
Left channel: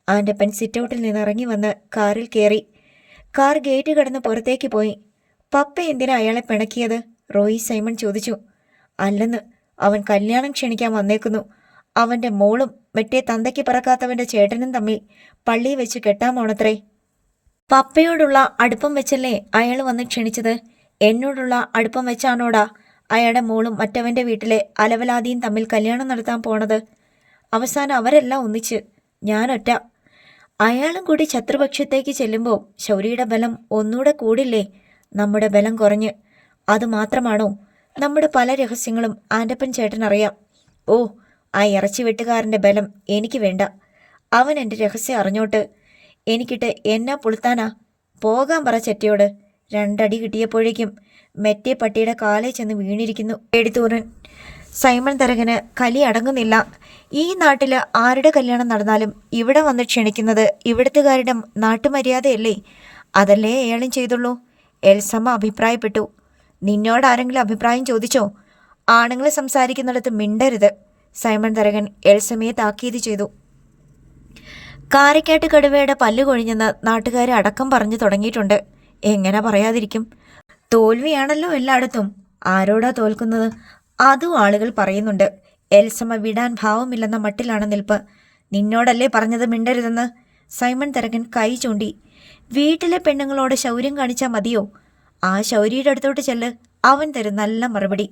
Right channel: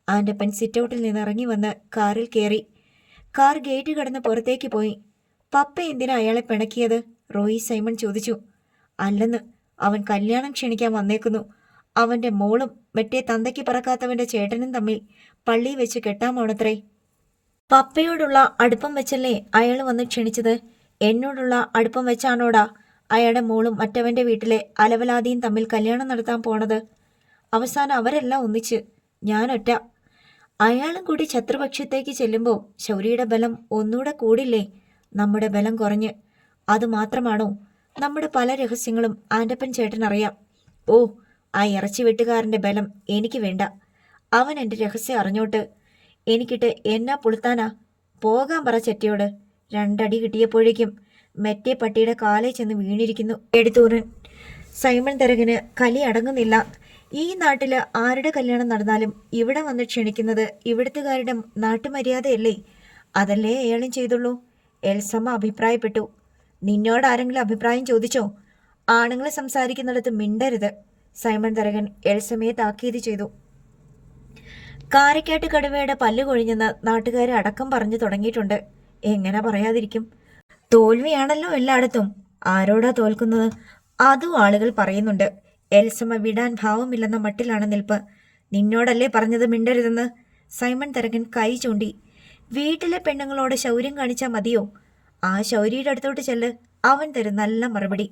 ആൻ്റപ്പൻ സിറ്റൗട്ടിൽ നിന്ന് ഇറങ്ങി വന്ന് കാറിൽ കയറി. കാർ ഗേറ്റ് കടന്ന് പുറത്തേക്ക് പോയി. പപ്പ എന്തിനാ അയാളെ പിണക്കിയത്? റോയി സൈമൺ ചോദിച്ചു. അല്ലെന്ന്, അവൻ കല്യാണം ക്ഷണിക്കാൻ വന്നേക്കുന്നു. അവന്റെ മോളും മറ്റേ തന്തയ്ക്ക് പറക്കാത്തവന്റെ ചേട്ടനും തമ്മിൽ പള്ളി വെച്ച് കെട്ടാമോണത്രേ. പപ്പയോടുള്ള അടുപ്പം വെച്ചല്ലേ അയാൾ വന്ന് ക്ഷണിച്ചത്? എന്നോടുള്ള അടുപ്പം വെച്ചാണോടാ അയാളുടെ മോളും മറ്റവന്റെ വീട്ടിലെ അലവലാതിയും തമ്മിൽ കല്യാണം നടത്താൻ പോണത്? അവസാനം അവരെല്ലാം ഒന്നിച്ച്, ഞാനൊറ്റ. അയാളും കൂടി ശത്രുപക്ഷത്തേക്ക് ചെല്ലുമ്പോൾ ശൗര്യയുടെ ബലം ഒന്നുകൂടെ കൂടില്ലേ? നമ്മുടെ ബലം കുറഞ്ഞ്. അതുമാത്രമാണോ? നമ്മുടെ പല രഹസ്യങ്ങളും ആൻ്റപ്പൻ ചേട്ടൻ അറിയാം. ഓ, ആ ഇറച്ചി വെട്ടുകാരൻ്റെ ബലം എനിക്ക് വേണ്ട. അവൻ എൻ്റെ രഹസ്യം അറിഞ്ഞോട്ട് എനിക്കിട്ട് എന്നാ പുളുത്താനാ? പോകാൻ പറ ചെറ്റിയോട്. 2 അടി കിട്ടിയപ്പോഴേക്കും മെറ്റേ പട്ടിയുടെ കാലേ ചെന്ന് വീണിരിക്കുന്നു. എഴുത്തൂരൻ സൈമൺ തരകന് കലി അടങ്ങുന്നില്ല. ഈ നാട്ടിൽ ആരുടെ കല്യാണം നടന്നാലും ഇവിടെ വന്ന് ക്ഷണിക്കുന്നത് ഇവിടുത്തുകാരുടെ നാട്ടുമര്യാദയല്ലേ? അതല്ലേ അയാളും ചെയ്തുള്ളൂ. എൽസമ്മ അഭിപ്രായപ്പെട്ടു. നിന്നോട് ആരെങ്കിലും അഭിപ്രായം ചോദിച്ചോ? ആണുങ്ങൾ സംസാരിക്കുന്നിടത്ത് മിണ്ടരുത്. സൈമൺ തരകൻ എൽസമ്മയെ താക്കീത് ചെയ്തു. കാരക്കാട്ട് കടുവയുടെ പല്ല് കൊഴിഞ്ഞെന്ന് നാട്ടുകാരെ അടക്കം പറഞ്ഞു തുടങ്ങിയിട്ടുണ്ട്. എങ്ങനെ പറയാതിരിക്കും? തോൽവിയാണല്ലോ എല്ലായിടത്തും. ആരോടാ തോൽക്കുന്നത്? അതും ആളുകൾ പറയുന്നുണ്ട്. എൽസമ്മ വിടാൻ ഭാവമില്ലെന്ന മട്ടിലാണ് നിൽപ്പ്. നിന്നോടല്ലേ പറഞ്ഞത് മിണ്ടരുതെന്ന്? സൈമൺ തരകൻ കൈ ചൂണ്ടി. വീട്ടിലെ പെണ്ണുങ്ങളോട് ശൗര്യം കാണിച്ചാൽ മതിയോ? ആ ശൗര്യയുടെ അടുത്തോട്ട് ചെല്ല്, അവൻ തരും നല്ല മറുപടി.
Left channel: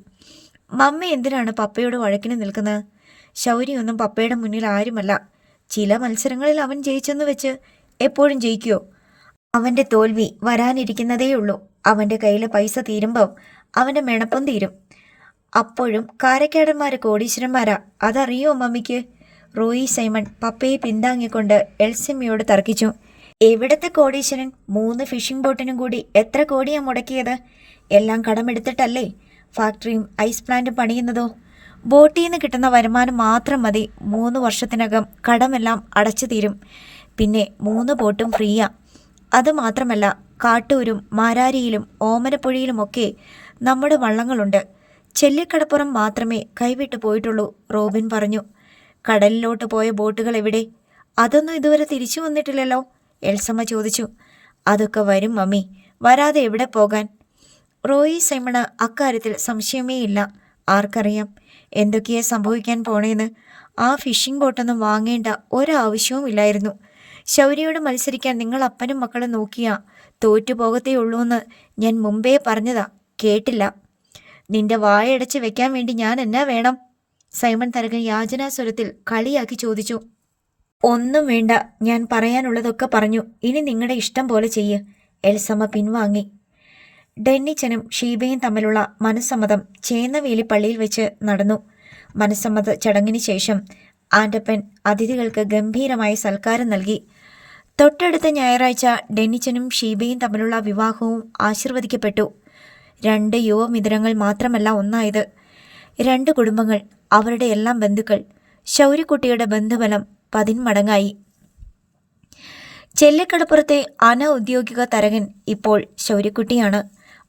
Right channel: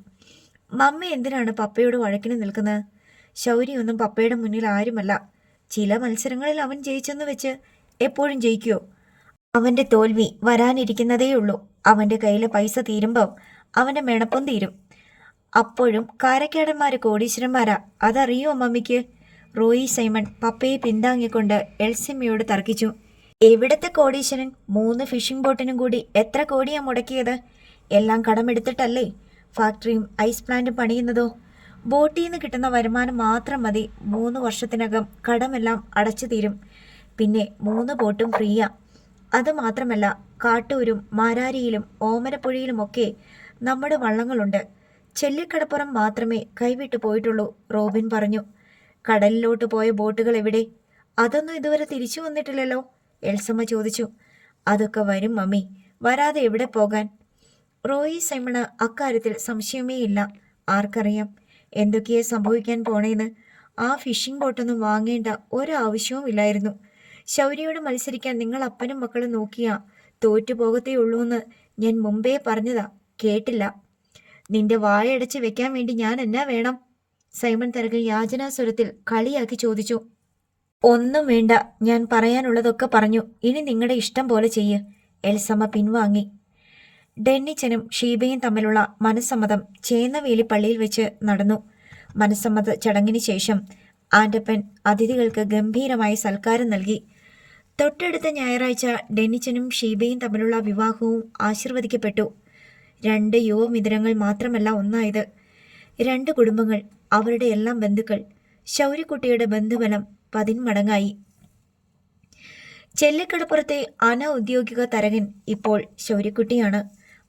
മമ്മ എന്തിനാണ് പപ്പയോട് വഴക്കിന് നിൽക്കുന്നത്? ശൗര്യൊന്നും പപ്പയുടെ മുന്നിൽ ആരുമല്ല. ചില മത്സരങ്ങളിൽ അവൻ ജയിച്ചെന്ന് വെച്ച് എപ്പോഴും ജയിക്കുമോ? അവൻ്റെ തോൽവി വരാനിരിക്കുന്നതേയുള്ളൂ. അവൻ്റെ കയ്യിലെ പൈസ തീരുമ്പോൾ അവൻ്റെ മെണപ്പം തീരും. അപ്പോഴും കാരക്കാടന്മാർ കോടീശ്വരന്മാരാ. അതറിയോ മമ്മിക്ക്? റോയി സൈമൺ പപ്പയെ പിന്താങ്ങിക്കൊണ്ട് എൽസമ്മയോട് തർക്കിച്ചു. എവിടത്തെ കോടീശ്വരൻ? 3 ഫിഷിംഗ് ബോട്ടിനും കൂടി എത്ര കോടിയാണ് മുടക്കിയത്? എല്ലാം കടമെടുത്തിട്ടല്ലേ ഫാക്ടറിയും ഐസ് പ്ലാന്റും പണിയുന്നതോ? ബോട്ടിൽ നിന്ന് കിട്ടുന്ന വരുമാനം മാത്രം മതി 3 വർഷത്തിനകം കടമെല്ലാം അടച്ചു തീരും. പിന്നെ 3 ബോട്ടും ഫ്രീയാ. അതുമാത്രമല്ല, കാട്ടൂരും മാരാരിയിലും ഓമനപ്പുഴയിലുമൊക്കെ നമ്മുടെ വള്ളങ്ങളുണ്ട്. ചെല്ലിക്കടപ്പുറം മാത്രമേ കൈവിട്ടു പോയിട്ടുള്ളൂ. റോബിൻ പറഞ്ഞു. കടലിലോട്ട് പോയ ബോട്ടുകൾ എവിടെ? അതൊന്നും ഇതുവരെ തിരിച്ചു വന്നിട്ടില്ലല്ലോ. എൽസമ്മ ചോദിച്ചു. അതൊക്കെ വരും മമ്മി, വരാതെ എവിടെ പോകാൻ? റോയി സൈമണ് അക്കാര്യത്തിൽ സംശയമേ ഇല്ല. ആർക്കറിയാം എന്തൊക്കെയാ സംഭവിക്കാൻ പോണേന്ന്? ആ ഫിഷിംഗ് ബോട്ടൊന്നും വാങ്ങേണ്ട ഒരാവശ്യവും ഇല്ലായിരുന്നു. ശൗര്യയോട് മത്സരിക്കാൻ നിങ്ങൾ അപ്പനും മക്കളും നോക്കിയാ തോറ്റുപോകത്തേ ഉള്ളൂന്ന് ഞാൻ മുമ്പേ പറഞ്ഞതാ, കേട്ടില്ല. നിന്റെ വായടച്ച് വെക്കാൻ വേണ്ടി ഞാൻ എന്നാ വേണം? സൈമൺ തരകൻ യാചനാസ്വരത്തിൽ കളിയാക്കി ചോദിച്ചു. ഒന്നും വേണ്ട, ഞാൻ പറയാനുള്ളതൊക്കെ പറഞ്ഞു. ഇനി നിങ്ങളുടെ ഇഷ്ടം പോലെ ചെയ്യ്. എൽസമ്മ പിൻവാങ്ങി. ഡെന്നിച്ചനും ഷീബയും തമ്മിലുള്ള മനസ്സമ്മതം ചേന്നവേലി പള്ളിയിൽ വെച്ച് നടന്നു. മനസ്സമ്മത ചടങ്ങിന് ശേഷം ആൻ്റപ്പൻ അതിഥികൾക്ക് ഗംഭീരമായ സൽക്കാരം നൽകി. തൊട്ടടുത്ത ഞായറാഴ്ച ഡെന്നിച്ചനും ഷീബയും തമ്മിലുള്ള വിവാഹവും ആശീർവദിക്കപ്പെട്ടു. 2 യുവമിഥുനങ്ങൾ മാത്രമല്ല ഒന്നായത്. 2 കുടുംബങ്ങൾ, അവരുടെ എല്ലാം ബന്ധുക്കൾ. ശൗര്യക്കുട്ടിയുടെ ബന്ധബലം 10 മടങ്ങായി. ചെല്ലിക്കടപ്പുറത്തെ അനൗദ്യോഗിക തരകൻ ഇപ്പോൾ ശൗര്യക്കുട്ടിയാണ്.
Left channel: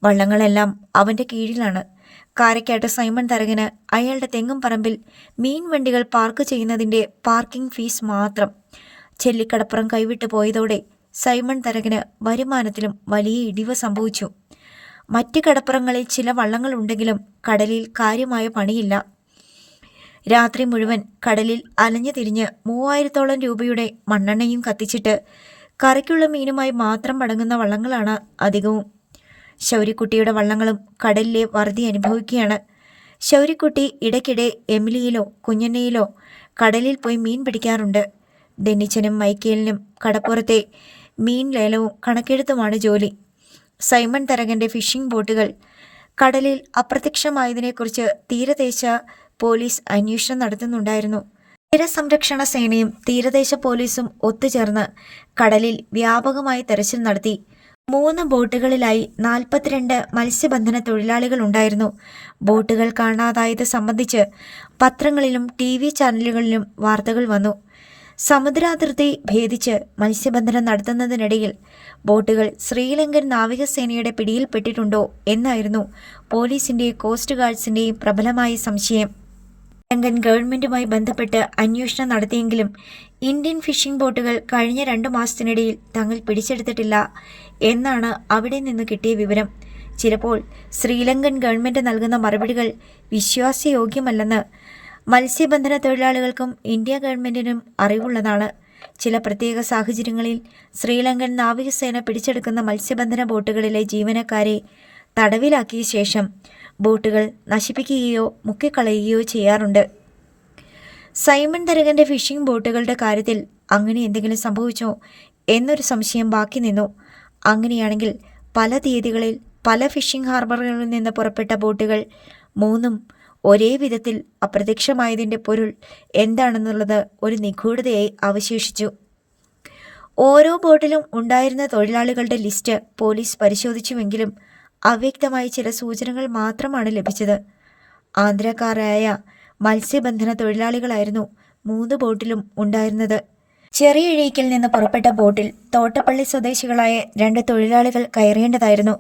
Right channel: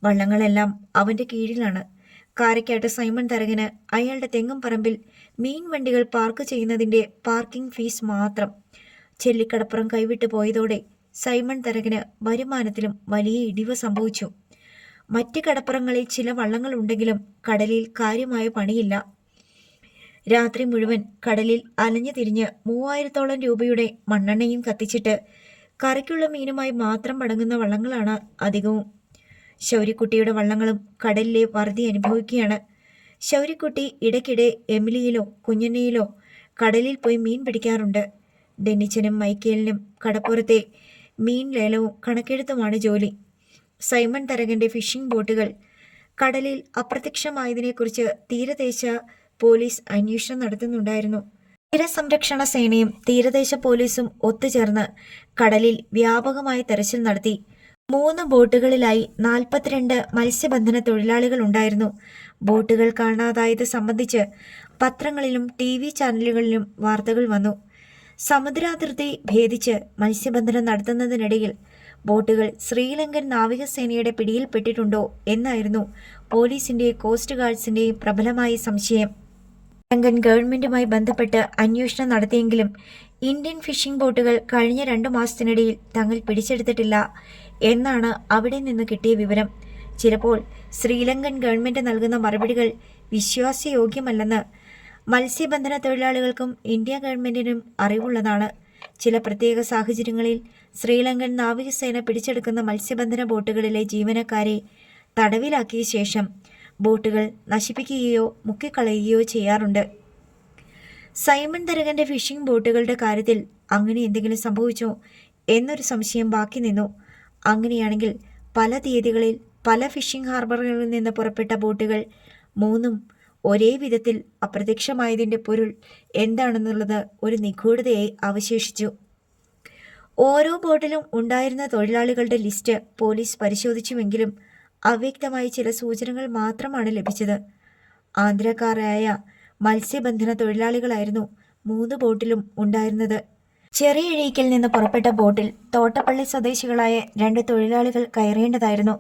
വള്ളങ്ങളെല്ലാം അവൻ്റെ കീഴിലാണ്. കാരക്കാട്ട് സൈമൺ തരകന് അയാളുടെ തെങ്ങും പറമ്പിൽ മീൻ വണ്ടികൾ പാർക്ക് ചെയ്യുന്നതിൻ്റെ പാർക്കിംഗ് ഫീസ് മാത്രം. ചെല്ലിക്കടപ്പുറം കൈവിട്ടു പോയതോടെ സൈമൺ തരകന് വരുമാനത്തിലും വലിയ ഇടിവ് സംഭവിച്ചു. മറ്റ് കടപ്പുറങ്ങളിൽ ചില വള്ളങ്ങളുണ്ടെങ്കിലും കടലിൽ കാര്യമായ പണിയില്ല. രാത്രി മുഴുവൻ കടലിൽ അലഞ്ഞു തിരിഞ്ഞ് 3000-ഓളം രൂപയുടെ മണ്ണെണ്ണയും കത്തിച്ചിട്ട് കറിക്കുള്ള മീനുമായി മാത്രം മടങ്ങുന്ന വള്ളങ്ങളാണ് അധികവും. ശൗര്യക്കുട്ടിയുടെ വള്ളങ്ങളും കടലിലെ വറുതി അനുഭവിക്കുകയാണ്. ശൗര്യക്കുട്ടി ഇടയ്ക്കിടെ എമിലിയിലോ കുഞ്ഞന്നയിലോ കടലിൽ പോയി മീൻ പിടിക്കാറുണ്ട്. ഡെന്നിച്ചനും മൈക്കേലിനും കടപ്പുറത്തെ മീൻ ലേലവും കണക്കെഴുത്തുമാണ് ജോലി. സൈമൺ തരകൻ്റെ ഫിഷിംഗ് ബോട്ടുകൾ കടലിൽ അപ്രത്യക്ഷമായതിനെക്കുറിച്ച് തീരദേശ പോലീസ് അന്വേഷണം നടത്തുന്നുണ്ടായിരുന്നു. തീരസംരക്ഷണ സേനയും തീരദേശ പോലീസും ഒത്തുചേർന്ന് കടലിൽ വ്യാപകമായി തെരച്ചിൽ നടത്തി. 3 ബോട്ടുകളിലായി 42 മത്സ്യബന്ധന തൊഴിലാളികൾ ഉണ്ടായിരുന്നു. ബോട്ടുകൾ കാണാതായത് സംബന്ധിച്ച് പത്രങ്ങളിലും TV ചാനലുകളിലും വാർത്തകൾ വന്നു. സമുദ്രാതിർത്തി ഭേദിച്ച് മത്സ്യബന്ധനം നടത്തുന്നതിനിടയിൽ ബോട്ടുകൾ ശ്രീലങ്കൻ നാവികസേനയുടെ പിടിയിൽപ്പെട്ടിട്ടുണ്ടോ എന്നായിരുന്നു പോലീസിൻ്റെയും കോസ്റ്റ് ഗാർഡ്സിൻ്റെയും പ്രബലമായ സംശയം. ശ്രീലങ്കൻ ഗവൺമെൻറ്റുമായി ബന്ധപ്പെട്ട് അന്വേഷണം നടത്തിയെങ്കിലും ഇന്ത്യൻ ഫിഷിംഗ് ബോട്ടുകൾ കഴിഞ്ഞ 2 മാസത്തിനിടയിൽ തങ്ങൾ പിടിച്ചെടുത്തിട്ടില്ല എന്നാണ് അവിടെ നിന്ന് കിട്ടിയ വിവരം. ചിലപ്പോൾ ശ്രീലങ്കൻ ഗവൺമെൻറ് നൽകുന്ന മറുപടികൾ വിശ്വാസയോഗ്യമല്ലെന്ന് മത്സ്യബന്ധന തൊഴിലാളികൾക്കും ഇന്ത്യ ഗവൺമെൻറ്റിനും അറിവുള്ളതാണ്. ചില പ്രത്യേക സാഹചര്യങ്ങളിൽ ശ്രീലങ്കൻ നാവികസേന പിടിച്ചെടുക്കുന്ന മത്സ്യബന്ധന ബോട്ടുകളിലെ ജീവനക്കാരെ തടവിലാക്കിയ ശേഷം ബോട്ടുകൾ നശിപ്പിക്കുകയോ മുക്കിക്കളയുകയോ ചെയ്യാറുണ്ട്. സൈമൺ തരകൻ്റെ ഫിഷിംഗ് ബോട്ടുകളുടെ കാര്യത്തിൽ അങ്ങനെ എന്തെങ്കിലും സംഭവിച്ചോ എന്നൊരു സംശയം ബാക്കി നിന്നു. അങ്ങനെയാണെങ്കിൽ പല തീയതികളിൽ പല ഫിഷിംഗ് ഹാർബറുകളിൽ നിന്ന് പുറപ്പെട്ട ബോട്ടുകൾ മൂന്നും ഒരേ വിധത്തിൽ അപ്രത്യക്ഷമായതിൻ്റെ പൊരുൾ എന്താണെന്നുള്ളത് ഒരു നിഗൂഢതയായി അവശേഷിച്ചു. ഓരോ ബോട്ടിലും ഉണ്ടായിരുന്ന തൊഴിലാളികളുടെ ലിസ്റ്റ് പോലീസ് പരിശോധിച്ചുവെങ്കിലും അവ്യക്തമായ ചില സൂചനകൾ മാത്രമാണ് ലഭിച്ചത്. ആന്ധ്രക്കാരായ മത്സ്യബന്ധന തൊഴിലാളികളായിരുന്നു 3 ബോട്ടിലും ഉണ്ടായിരുന്നത്. ചെറിയ ഇഴയ്ക്കൽ നിന്ന് പുറപ്പെട്ട ബോട്ടിൽ തോട്ടപ്പള്ളി സ്വദേശികളായ 2 തൊഴിലാളികൾ കയറേണ്ടതായിരുന്നു.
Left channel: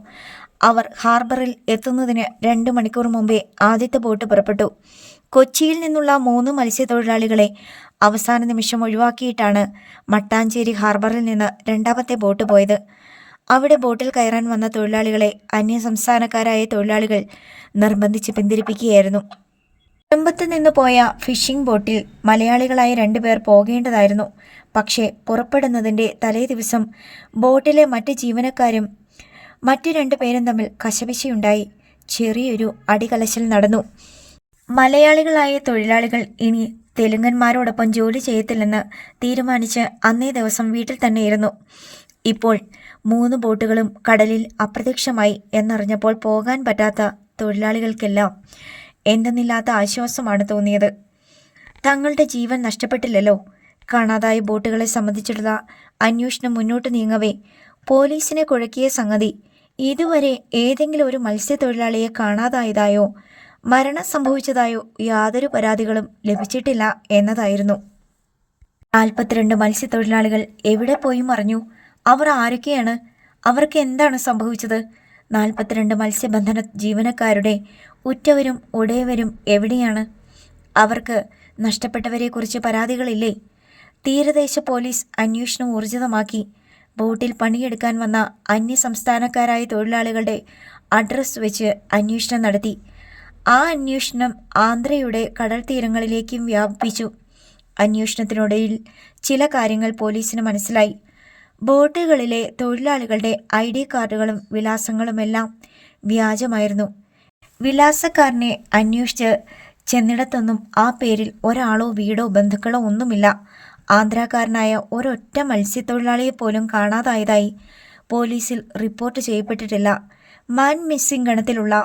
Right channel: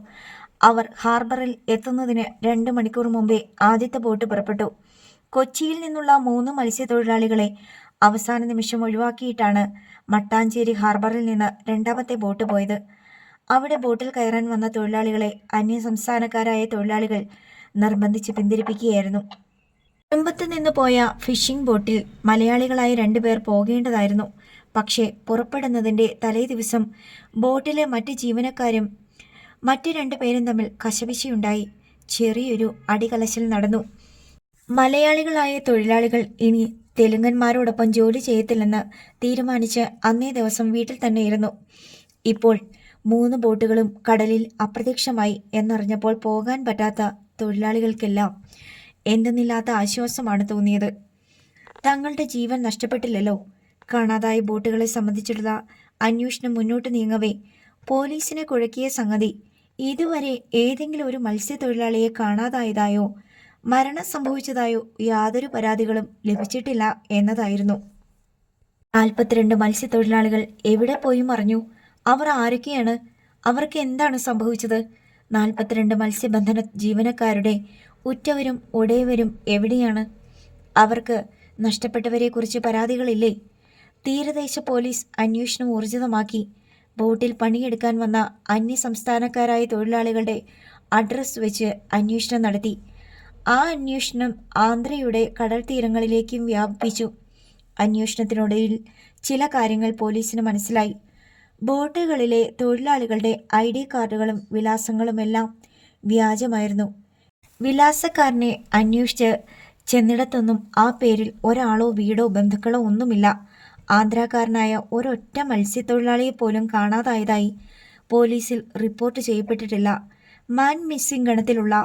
അവർ ഹാർബറിൽ എത്തുന്നതിന് 2 മണിക്കൂർ മുമ്പേ ആദ്യത്തെ ബോട്ട് പുറപ്പെട്ടു. കൊച്ചിയിൽ നിന്നുള്ള 3 മത്സ്യത്തൊഴിലാളികളെ അവസാന നിമിഷം ഒഴിവാക്കിയിട്ടാണ് മട്ടാഞ്ചേരി ഹാർബറിൽ നിന്ന് രണ്ടാമത്തെ ബോട്ട് പോയത്. അവിടെ ബോട്ടിൽ കയറാൻ വന്ന തൊഴിലാളികളെ അന്യസംസ്ഥാനക്കാരായ തൊഴിലാളികൾ നിർബന്ധിച്ച് പിന്തിരിപ്പിക്കുകയായിരുന്നു. കൊല്ലമ്പത്ത് നിന്ന് പോയ ഫിഷിംഗ് ബോട്ടിൽ മലയാളികളായ 2 പേർ പോകേണ്ടതായിരുന്നു. പക്ഷേ പുറപ്പെടുന്നതിൻ്റെ തലേ ദിവസം ബോട്ടിലെ മറ്റ് ജീവനക്കാരും മറ്റ് 2 പേരും തമ്മിൽ കശപിശയുണ്ടായി. ചെറിയൊരു അടികലശൽ നടന്നു. മലയാളികളായ തൊഴിലാളികൾ ഇനി തെലുങ്കന്മാരോടൊപ്പം ജോലി ചെയ്യത്തില്ലെന്ന് തീരുമാനിച്ച് അന്നേ ദിവസം വീട്ടിൽ തന്നെയിരുന്നു. ഇപ്പോൾ 3 ബോട്ടുകളും കടലിൽ അപ്രത്യക്ഷമായി എന്നറിഞ്ഞപ്പോൾ പോകാൻ പറ്റാത്ത തൊഴിലാളികൾക്കെല്ലാം എന്തെന്നില്ലാത്ത ആശ്വാസമാണ് തോന്നിയത്. തങ്ങളുടെ ജീവൻ നഷ്ടപ്പെട്ടില്ലല്ലോ. കാണാതായ ബോട്ടുകളെ സംബന്ധിച്ചിട്ടുള്ള അന്വേഷണം മുന്നോട്ട് നീങ്ങവേ പോലീസിനെ കുഴക്കിയ സംഗതി ഇതുവരെ ഏതെങ്കിലും ഒരു മത്സ്യത്തൊഴിലാളിയെ കാണാതായതായോ മരണം സംഭവിച്ചതായോ യാതൊരു പരാതികളും ലഭിച്ചിട്ടില്ല എന്നതായിരുന്നു. 42 മത്സ്യത്തൊഴിലാളികൾ എവിടെ പോയി മറിഞ്ഞു? അവർ ആരൊക്കെയാണ്? അവർക്ക് എന്താണ് സംഭവിച്ചത്? 42 മത്സ്യബന്ധന ജീവനക്കാരുടെ ഉറ്റവരും ഉടയവരും എവിടെയാണ്? അവർക്ക് നഷ്ടപ്പെട്ടവരെക്കുറിച്ച് പരാതികളില്ലേ? തീരദേശ പോലീസ് അന്വേഷണം ഊർജിതമാക്കി. ബോട്ടിൽ പണിയെടുക്കാൻ വന്ന അന്യസംസ്ഥാനക്കാരായ തൊഴിലാളികളുടെ അഡ്രസ് വെച്ച് അന്വേഷണം നടത്തി. ആ അന്വേഷണം ആന്ധ്രയുടെ കടൽ തീരങ്ങളിലേക്കും വ്യാപിപ്പിച്ചു. അന്വേഷണത്തിനിടയിൽ ചില കാര്യങ്ങൾ പോലീസിന് മനസ്സിലായി. ബോട്ടുകളിലെ തൊഴിലാളികളുടെ ID കാർഡുകളും വിലാസങ്ങളുമെല്ലാം വ്യാജമായിരുന്നു. വിലാസക്കാരനെ അന്വേഷിച്ച് ചെന്നിടത്തൊന്നും ആ പേരിൽ ഒരാളോ വീടോ ബന്ധുക്കളോ ഒന്നുമില്ല. ആന്ധ്രാക്കാരനായ ഒരൊറ്റ മത്സ്യത്തൊഴിലാളിയെ പോലും കാണാതായതായി പോലീസിൽ റിപ്പോർട്ട് ചെയ്യപ്പെട്ടിട്ടില്ല. മാൻ മിസ്സിംഗ് ഗണത്തിലുള്ള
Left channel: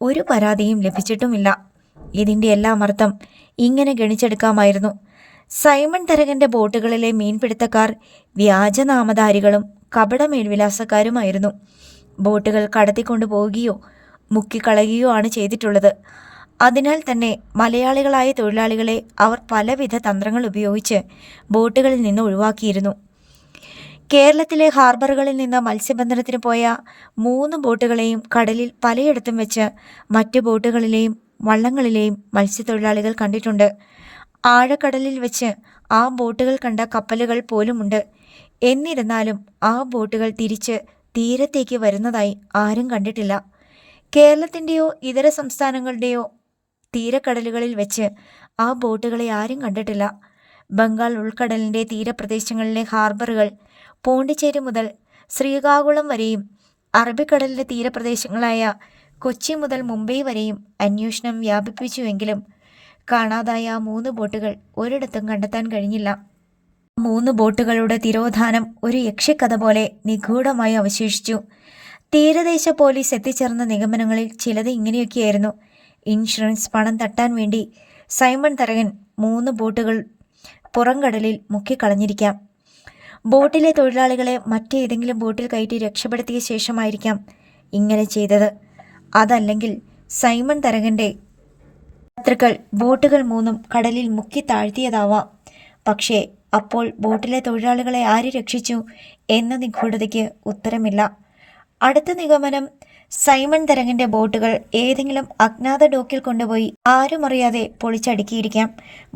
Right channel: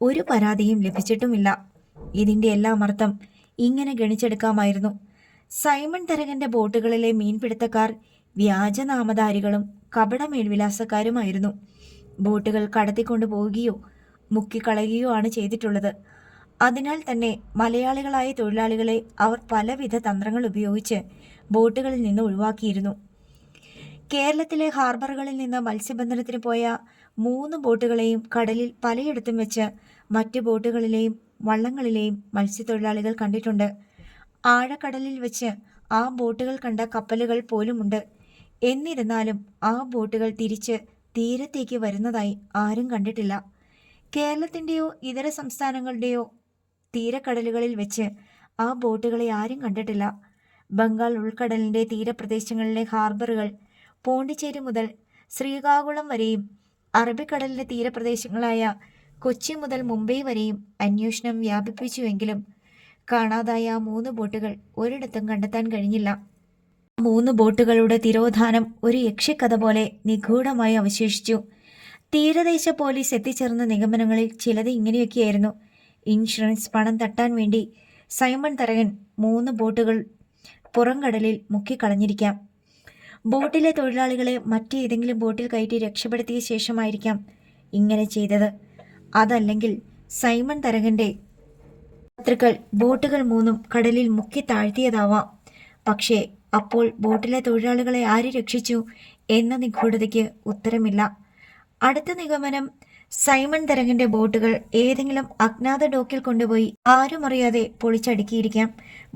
ഒരു പരാതിയും ലഭിച്ചിട്ടുമില്ല. ഇതിൻ്റെ എല്ലാം അർത്ഥം ഇങ്ങനെ ഗണിച്ചെടുക്കാമായിരുന്നു. സൈമൺ തരകൻ്റെ ബോട്ടുകളിലെ മീൻപിടുത്തക്കാർ വ്യാജനാമധാരികളും കപട മേൽവിലാസക്കാരുമായിരുന്നു. ബോട്ടുകൾ കടത്തിക്കൊണ്ടു പോവുകയോ മുക്കിക്കളയുകയോ ആണ് ചെയ്തിട്ടുള്ളത്. അതിനാൽ തന്നെ മലയാളികളായ തൊഴിലാളികളെ അവർ പലവിധ തന്ത്രങ്ങൾ ഉപയോഗിച്ച് ബോട്ടുകളിൽ നിന്ന് ഒഴിവാക്കിയിരുന്നു. കേരളത്തിലെ ഹാർബറുകളിൽ നിന്ന് മത്സ്യബന്ധനത്തിന് പോയ 3 ബോട്ടുകളെയും കടലിൽ പലയിടത്തും വെച്ച് മറ്റ് ബോട്ടുകളിലെയും വള്ളങ്ങളിലെയും മത്സ്യത്തൊഴിലാളികൾ കണ്ടിട്ടുണ്ട്. ആഴക്കടലിൽ വെച്ച് ആ ബോട്ടുകൾ കണ്ട കപ്പലുകൾ പോലുമുണ്ട്. എന്നിരുന്നാലും ആ ബോട്ടുകൾ തിരിച്ച് തീരത്തേക്ക് വരുന്നതായി ആരും കണ്ടിട്ടില്ല. കേരളത്തിൻ്റെയോ ഇതര സംസ്ഥാനങ്ങളുടെയോ തീരക്കടലുകളിൽ വെച്ച് ആ ബോട്ടുകളെ ആരും കണ്ടിട്ടില്ല. ബംഗാൾ ഉൾക്കടലിൻ്റെ തീരപ്രദേശങ്ങളിലെ ഹാർബറുകൾ പോണ്ടിച്ചേരി മുതൽ ശ്രീകാകുളം വരെയും അറബിക്കടലിൻ്റെ തീരപ്രദേശങ്ങളായ കൊച്ചി മുതൽ മുംബൈ വരെയും അന്വേഷണം വ്യാപിപ്പിച്ചുവെങ്കിലും കാണാതായ 3 ബോട്ടുകൾ ഒരിടത്തും കണ്ടെത്താൻ കഴിഞ്ഞില്ല. 3 ബോട്ടുകളുടെ തിരോധാനം ഒരു യക്ഷിക്കഥ പോലെ നിഗൂഢമായി അവശേഷിച്ചു. തീരദേശ പോലീസ് എത്തിച്ചേർന്ന നിഗമനങ്ങളിൽ ചിലത് ഇങ്ങനെയൊക്കെയായിരുന്നു. ഇൻഷുറൻസ് പണം തട്ടാൻ വേണ്ടി സൈമൺ തരകൻ 3 ബോട്ടുകൾ പുറംകടലിൽ മുക്കിക്കളഞ്ഞിരിക്കാം. ബോട്ടിലെ തൊഴിലാളികളെ മറ്റേതെങ്കിലും ബോട്ടിൽ കയറ്റി രക്ഷപ്പെടുത്തിയ ശേഷമായിരിക്കാം ഇങ്ങനെ ചെയ്തത്. അതല്ലെങ്കിൽ സൈമൺ തരകൻ്റെ ശത്രുക്കൾ ബോട്ടുകൾ 3 കടലിൽ മുക്കി താഴ്ത്തിയതാവാം. പക്ഷേ അപ്പോൾ ബോട്ടിലെ തൊഴിലാളികളെ ആര് രക്ഷിച്ചു എന്ന നിഗൂഢതയ്ക്ക് ഉത്തരമില്ല. അടുത്ത നിഗമനം സൈമൺ തരകൻ്റെ ബോട്ടുകൾ ഏതെങ്കിലും അജ്ഞാത ഡോക്കിൽ കൊണ്ടുപോയി ആരും അറിയാതെ പൊളിച്ചടുക്കിയിരിക്കാം.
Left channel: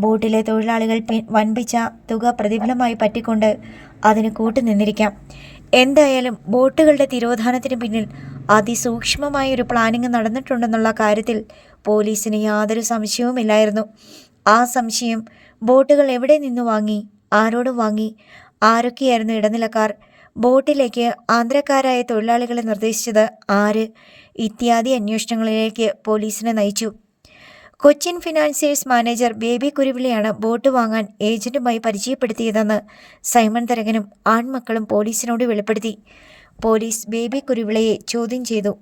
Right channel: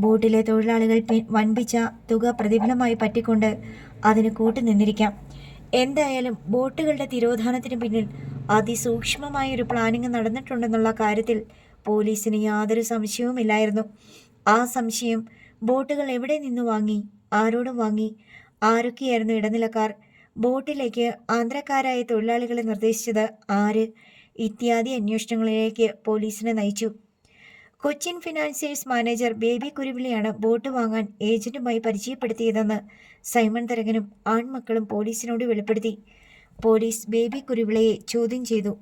ബോട്ടിലെ തൊഴിലാളികൾ വൻപിച്ച തുക പ്രതിഫലമായി പറ്റിക്കൊണ്ട് അതിന് കൂട്ടുനിന്നിരിക്കാം. എന്തായാലും ബോട്ടുകളുടെ തിരോധാനത്തിന് പിന്നിൽ അതിസൂക്ഷ്മമായൊരു പ്ലാനിങ് നടന്നിട്ടുണ്ടെന്നുള്ള കാര്യത്തിൽ പോലീസിന് യാതൊരു സംശയവുമില്ലായിരുന്നു. ആ സംശയം ബോട്ടുകൾ എവിടെ നിന്ന് വാങ്ങി, ആരോട് വാങ്ങി, ആരൊക്കെയായിരുന്നു ഇടനിലക്കാർ, ബോട്ടിലേക്ക് ആന്ധ്രക്കാരായ തൊഴിലാളികളെ നിർദ്ദേശിച്ചത് ആര് ഇത്യാദി അന്വേഷണങ്ങളിലേക്ക് പോലീസിനെ നയിച്ചു. കൊച്ചിൻ ഫിനാൻസിയേഴ്സ് മാനേജർ ബേബി കുരുവിളയാണ് ബോട്ട് വാങ്ങാൻ ഏജന്റുമായി പരിചയപ്പെടുത്തിയതെന്ന് സൈമൺ തരകനും ആൺമക്കളും പോലീസിനോട് വെളിപ്പെടുത്തി. പോലീസ് ബേബി കുരുവിളയെ ചോദ്യം ചെയ്തു.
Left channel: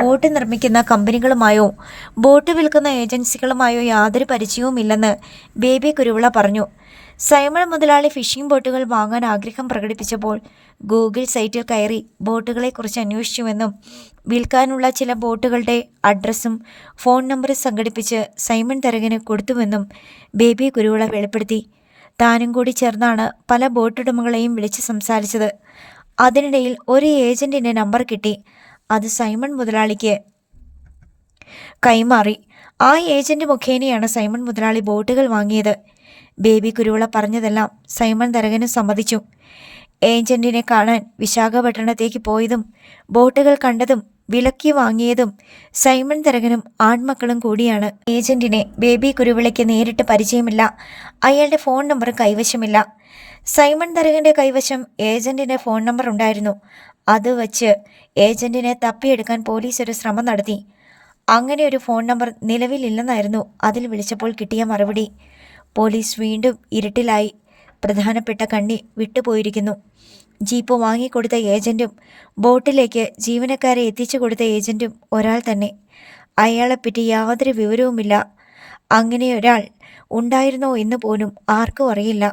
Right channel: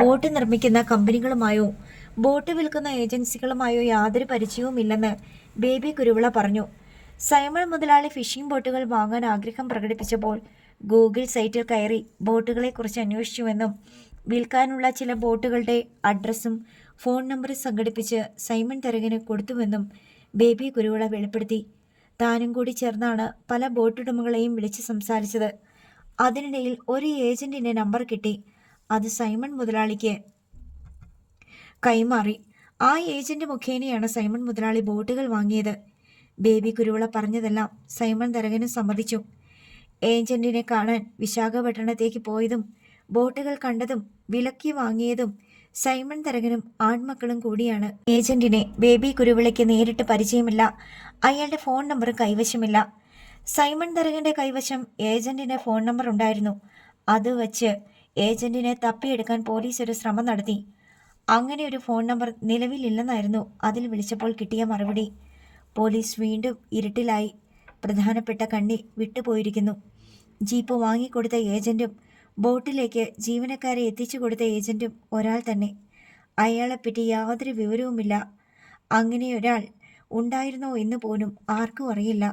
ബോട്ട് നിർമ്മിക്കുന്ന കമ്പനികളുമായോ ബോട്ട് വിൽക്കുന്ന ഏജൻസികളുമായോ യാതൊരു പരിചയവുമില്ലെന്ന് ബേബി കുരുവിള പറഞ്ഞു. സൈമൺ മുതലാളി ഫിഷിംഗ് ബോട്ടുകൾ വാങ്ങാൻ ആഗ്രഹം പ്രകടിപ്പിച്ചപ്പോൾ ഗൂഗിൾ സൈറ്റിൽ കയറി ബോട്ടുകളെക്കുറിച്ച് അന്വേഷിച്ചുവെന്നും വിൽക്കാനുള്ള ചില ബോട്ടുകളുടെ അഡ്രസ്സും ഫോൺ നമ്പറും സംഘടിപ്പിച്ച് സൈമൺ തരകന് കൊടുത്തുവെന്നും ബേബി കുരുവിള വെളിപ്പെടുത്തി. താനും കൂടി ചേർന്നാണ് പല ബോട്ടുടമകളെയും വിളിച്ച് സംസാരിച്ചത്. അതിനിടയിൽ ഒരു ഏജന്റിന്റെ നമ്പർ കിട്ടി. അത് സൈമൺ മുതലാളിക്ക് കൈമാറി. ആ ഏജന്റ് മുഖേനയാണ് സൈമൺ മുതലാളി ബോട്ടുകൾ വാങ്ങിയത്. ബേബി കുരുവിള പറഞ്ഞതെല്ലാം സൈമൺ തരകനും സമ്മതിച്ചു. ഏജന്റിനെ കാണാൻ വിശാഖപട്ടണത്തേക്ക് പോയതും ബോട്ടുകൾ കണ്ടതും വിലക്കി വാങ്ങിയതും സൈമൺ തരകനും ആൺമക്കളും കൂടിയാണ്. ഏജന്റിനെ ബേബി കുരുവിളയ്ക്ക് നേരിട്ട് പരിചയമില്ല. അയാളുടെ ഫോൺ നമ്പർ കൈവശമില്ല. സൈമൺ തരകന്റെ കൈവശം ഏജന്റിന്റെ ഫോൺ നമ്പർ ഉണ്ടായിരുന്നു. അത് വച്ച് ഏജന്റിനെ തപ്പിയെടുക്കാൻ പോലീസ് ഒരു ശ്രമം നടത്തി. അങ്ങനെ ഒരു ഫോൺ നമ്പർ നിലവിലില്ലെന്നായിരുന്നു അതിൽ വിളിച്ചപ്പോൾ കിട്ടിയ മറുപടി. പോലീസ് വീണ്ടും ഇരുട്ടിലായി. പ്രധാനപ്പെട്ട കണ്ണി വിട്ടുപോയിരിക്കുന്നു. ജീപ്പ് വാങ്ങിക്കൊടുത്ത ഏജന്റും ബോട്ടിലേക്ക് ജീവനക്കാരെ എത്തിച്ചു കൊടുത്ത ഏജന്റും ഒരാൾ തന്നെ. അയാളെപ്പറ്റി യാതൊരു വിവരവുമില്ല. അങ്ങനെ ഒരാൾ ഉണ്ടായിരുന്നോ എന്ന് പോലും ആർക്കും അറിയില്ല.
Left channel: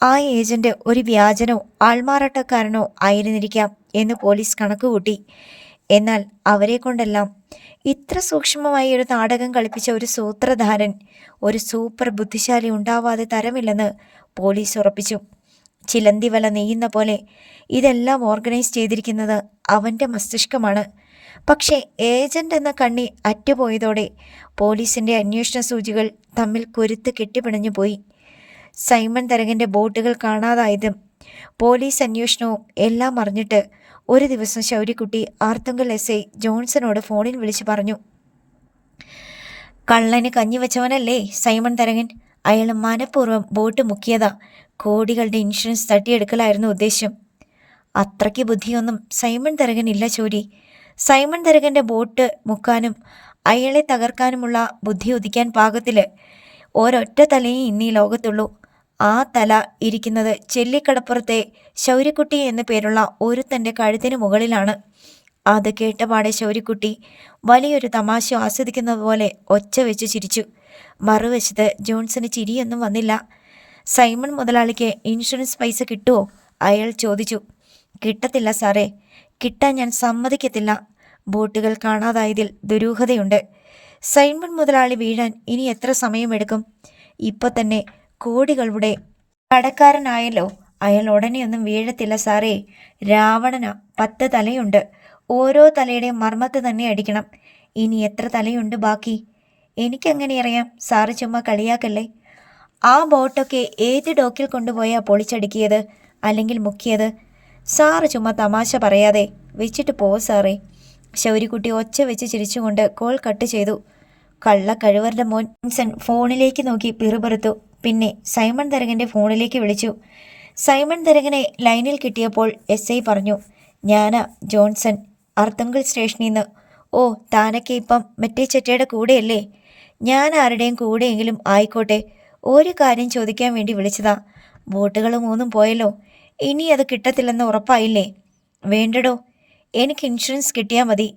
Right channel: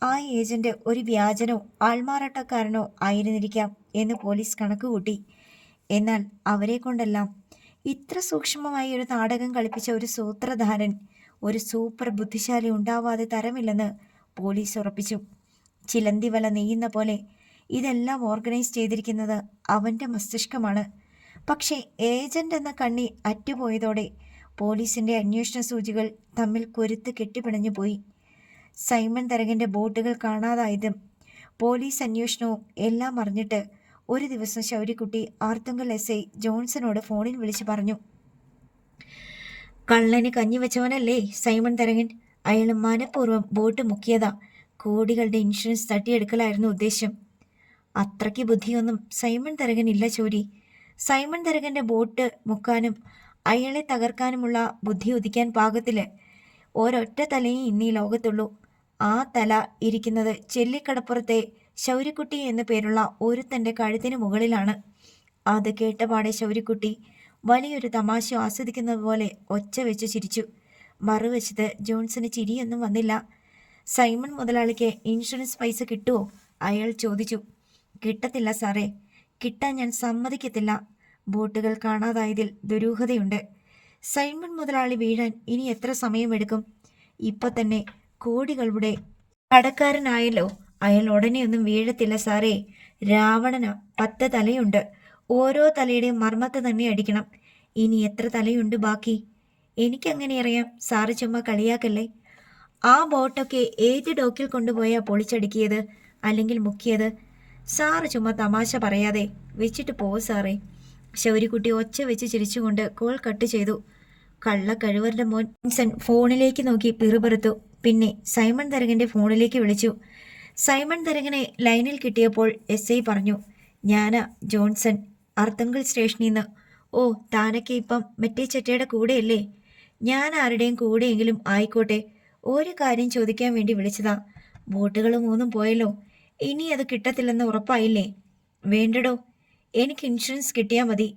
ആ ഏജന്റ് ഒരു വ്യാജനോ ആൾമാറാട്ടക്കാരനോ ആയിരുന്നിരിക്കാം എന്ന് പോലീസ് കണക്കുകൂട്ടി. എന്നാൽ അവരെ കൊണ്ടെല്ലാം ഇത്ര സൂക്ഷ്മമായി ഒരു നാടകം കളിപ്പിച്ച ഒരു സൂത്രധാരൻ, ഒരു സൂപ്പർ ബുദ്ധിശാലി ഉണ്ടാവാതെ തരമില്ലെന്ന് പോലീസ് ഉറപ്പിച്ചു. ചിലന്തി വല നെയ്യുന്ന പോലെ ഇതെല്ലാം ഓർഗനൈസ് ചെയ്തിരിക്കുന്നത് അവൻ്റെ മസ്തിഷ്കമാണ്. പക്ഷേ ഏജന്റ് എന്ന കണ്ണി അറ്റുപോയതോടെ പോലീസിൻ്റെ അന്വേഷണ സൂചികൾ തമ്മിൽ കൊരുത്ത് കെട്ടിപ്പിണഞ്ഞു പോയി. സൈമൺ തരകൻ്റെ ബോട്ടുകൾ കാണാതായതും പോലീസ് അന്വേഷണവും എല്ലാം അറിഞ്ഞിട്ട് ഒരു ദിവസം ശൗര്യക്കുട്ടി ആർത്തുങ്കൽ SI ജോൺസനോട് ഫോണിൽ വിളിച്ച് പറഞ്ഞു. കള്ളന് കഞ്ഞിവെച്ചവനല്ലേ സൈമൺ തരകൻ. അയാൾ മനഃപൂർവ്വം ബോട്ട് മുക്കിയതാ. കോടികളുടെ ഇൻഷുറൻസ് തട്ടിയെടുക്കലായിരുന്നു ഉദ്ദേശം. അത്രയ്ക്ക് ബുദ്ധിയൊന്നും സൈമൺ തരകനില്ല ചോരി. സൈമൺ തരകൻ്റെ ബോട്ട് മുക്കാനും അയാളെ തകർക്കാനുമുള്ള ബുദ്ധി ഉദിക്കാൻ പാകത്തിൽ ഒരൊറ്റ തലയും ഇന്നീ ലോകത്തുള്ളൂ. ആ തല ഇരിക്കുന്നത് ചെല്ലിക്കടപ്പുറത്തെ ശൗര്യക്കുട്ടി എന്നു പേരുള്ള ഒരുത്തൻ്റെ കഴുത്തിന് മുകളിലാണ്. അത് കേട്ടപാടെ ശൗര്യക്കുട്ടി വലിയൊരു തമാശ ആസ്വദിക്കുന്നത് പോലെ ഒച്ച വെച്ച് ചിരിച്ചു. മറുവശത്ത് ജോൺസന് ചിരിയൊന്നും വന്നില്ല. സൈമൺ മുതലാളിക്ക് ഇൻഷുറൻസ് പൈസ കിട്ടുമോ? അയാൾ ചോദിച്ചു. കിട്ടത്തില്ല സാറേ, കിട്ടാൻ ഞാൻ സമ്മതിക്കത്തില്ല. ബോട്ടുകൾ കാണാതായതിൽ ദുരൂഹതയുണ്ട്. സൈമൺ മുതലാളി വീഴാൻ ഇനി എത്ര സമയമെടുക്കും? ഇപ്പം തന്നെ കോടികളുടെ കടക്കാരനായല്ലോ. അയാൾ ഉടനെയൊന്നും വീഴത്തില്ല സാറേ. രാവണന 10 തലയുണ്ട്. ഓരോ തലയുടെയും മർമ്മത്ത് തന്നെ അടിക്കണം. ഇനി എത്ര തലയുണ്ട് ബാക്കി? എനിക്കെങ്ങനെ അറിയാം? സാറ് ചുമ്മാ കളിയാക്കല്ലേ. ആ ബോട്ടൊക്കെ ഏത് ഡോക്കിൽ കൊണ്ടുപോയാ പൊളിച്ചടുക്കിയത് അല്ലെങ്കിൽ മുക്കിയത്? സാറ് ചുമ്മാ തമാശ പറയാതെ വെച്ചിട്ട് പോ സാറേ. ശൗര്യക്കുട്ടി ഒച്ച വെച്ച് ചിരിച്ചുകൊണ്ട് കോൾ കട്ട് ചെയ്തു. കള്ള കഴിവരുടെ മോൻ ജോൺസൺ ഫോണിലേക്ക് നോക്കി പിറുപിറുത്തു. പിന്നെ സൈമൺ തരകൻ്റെ ഫോണിലേക്ക് വിളിച്ചു. സൈമൺ തരകനെ ലൈനിൽ കിട്ടിയപ്പോൾ SI പറഞ്ഞു. ഞാനാ ജോൺസൺ, അർത്തുങ്കൽ സ്റ്റേഷനിൽ നിന്ന്. ഓ, താനൊക്കെ ഇപ്പം മറ്റേ ചെറ്റയുടെ കൂടെയല്ലേ? ഞാൻ ആരുടെയും കൂടെയെങ്കിലും ആയിക്കോട്ടെ. ഒരു കാര്യം ചോദിക്കാൻ വേണ്ടി വിളിച്ചതാ. ബോട്ടുകൾ 3 പോയല്ലോ. ഇനി അത് കിട്ടത്തില്ലെന്ന് ഉറപ്പായില്ലേ? വേണ്ടടോ, എനിക്ക് ഇൻഷുറൻസ് കിട്ടിയാൽ മതി.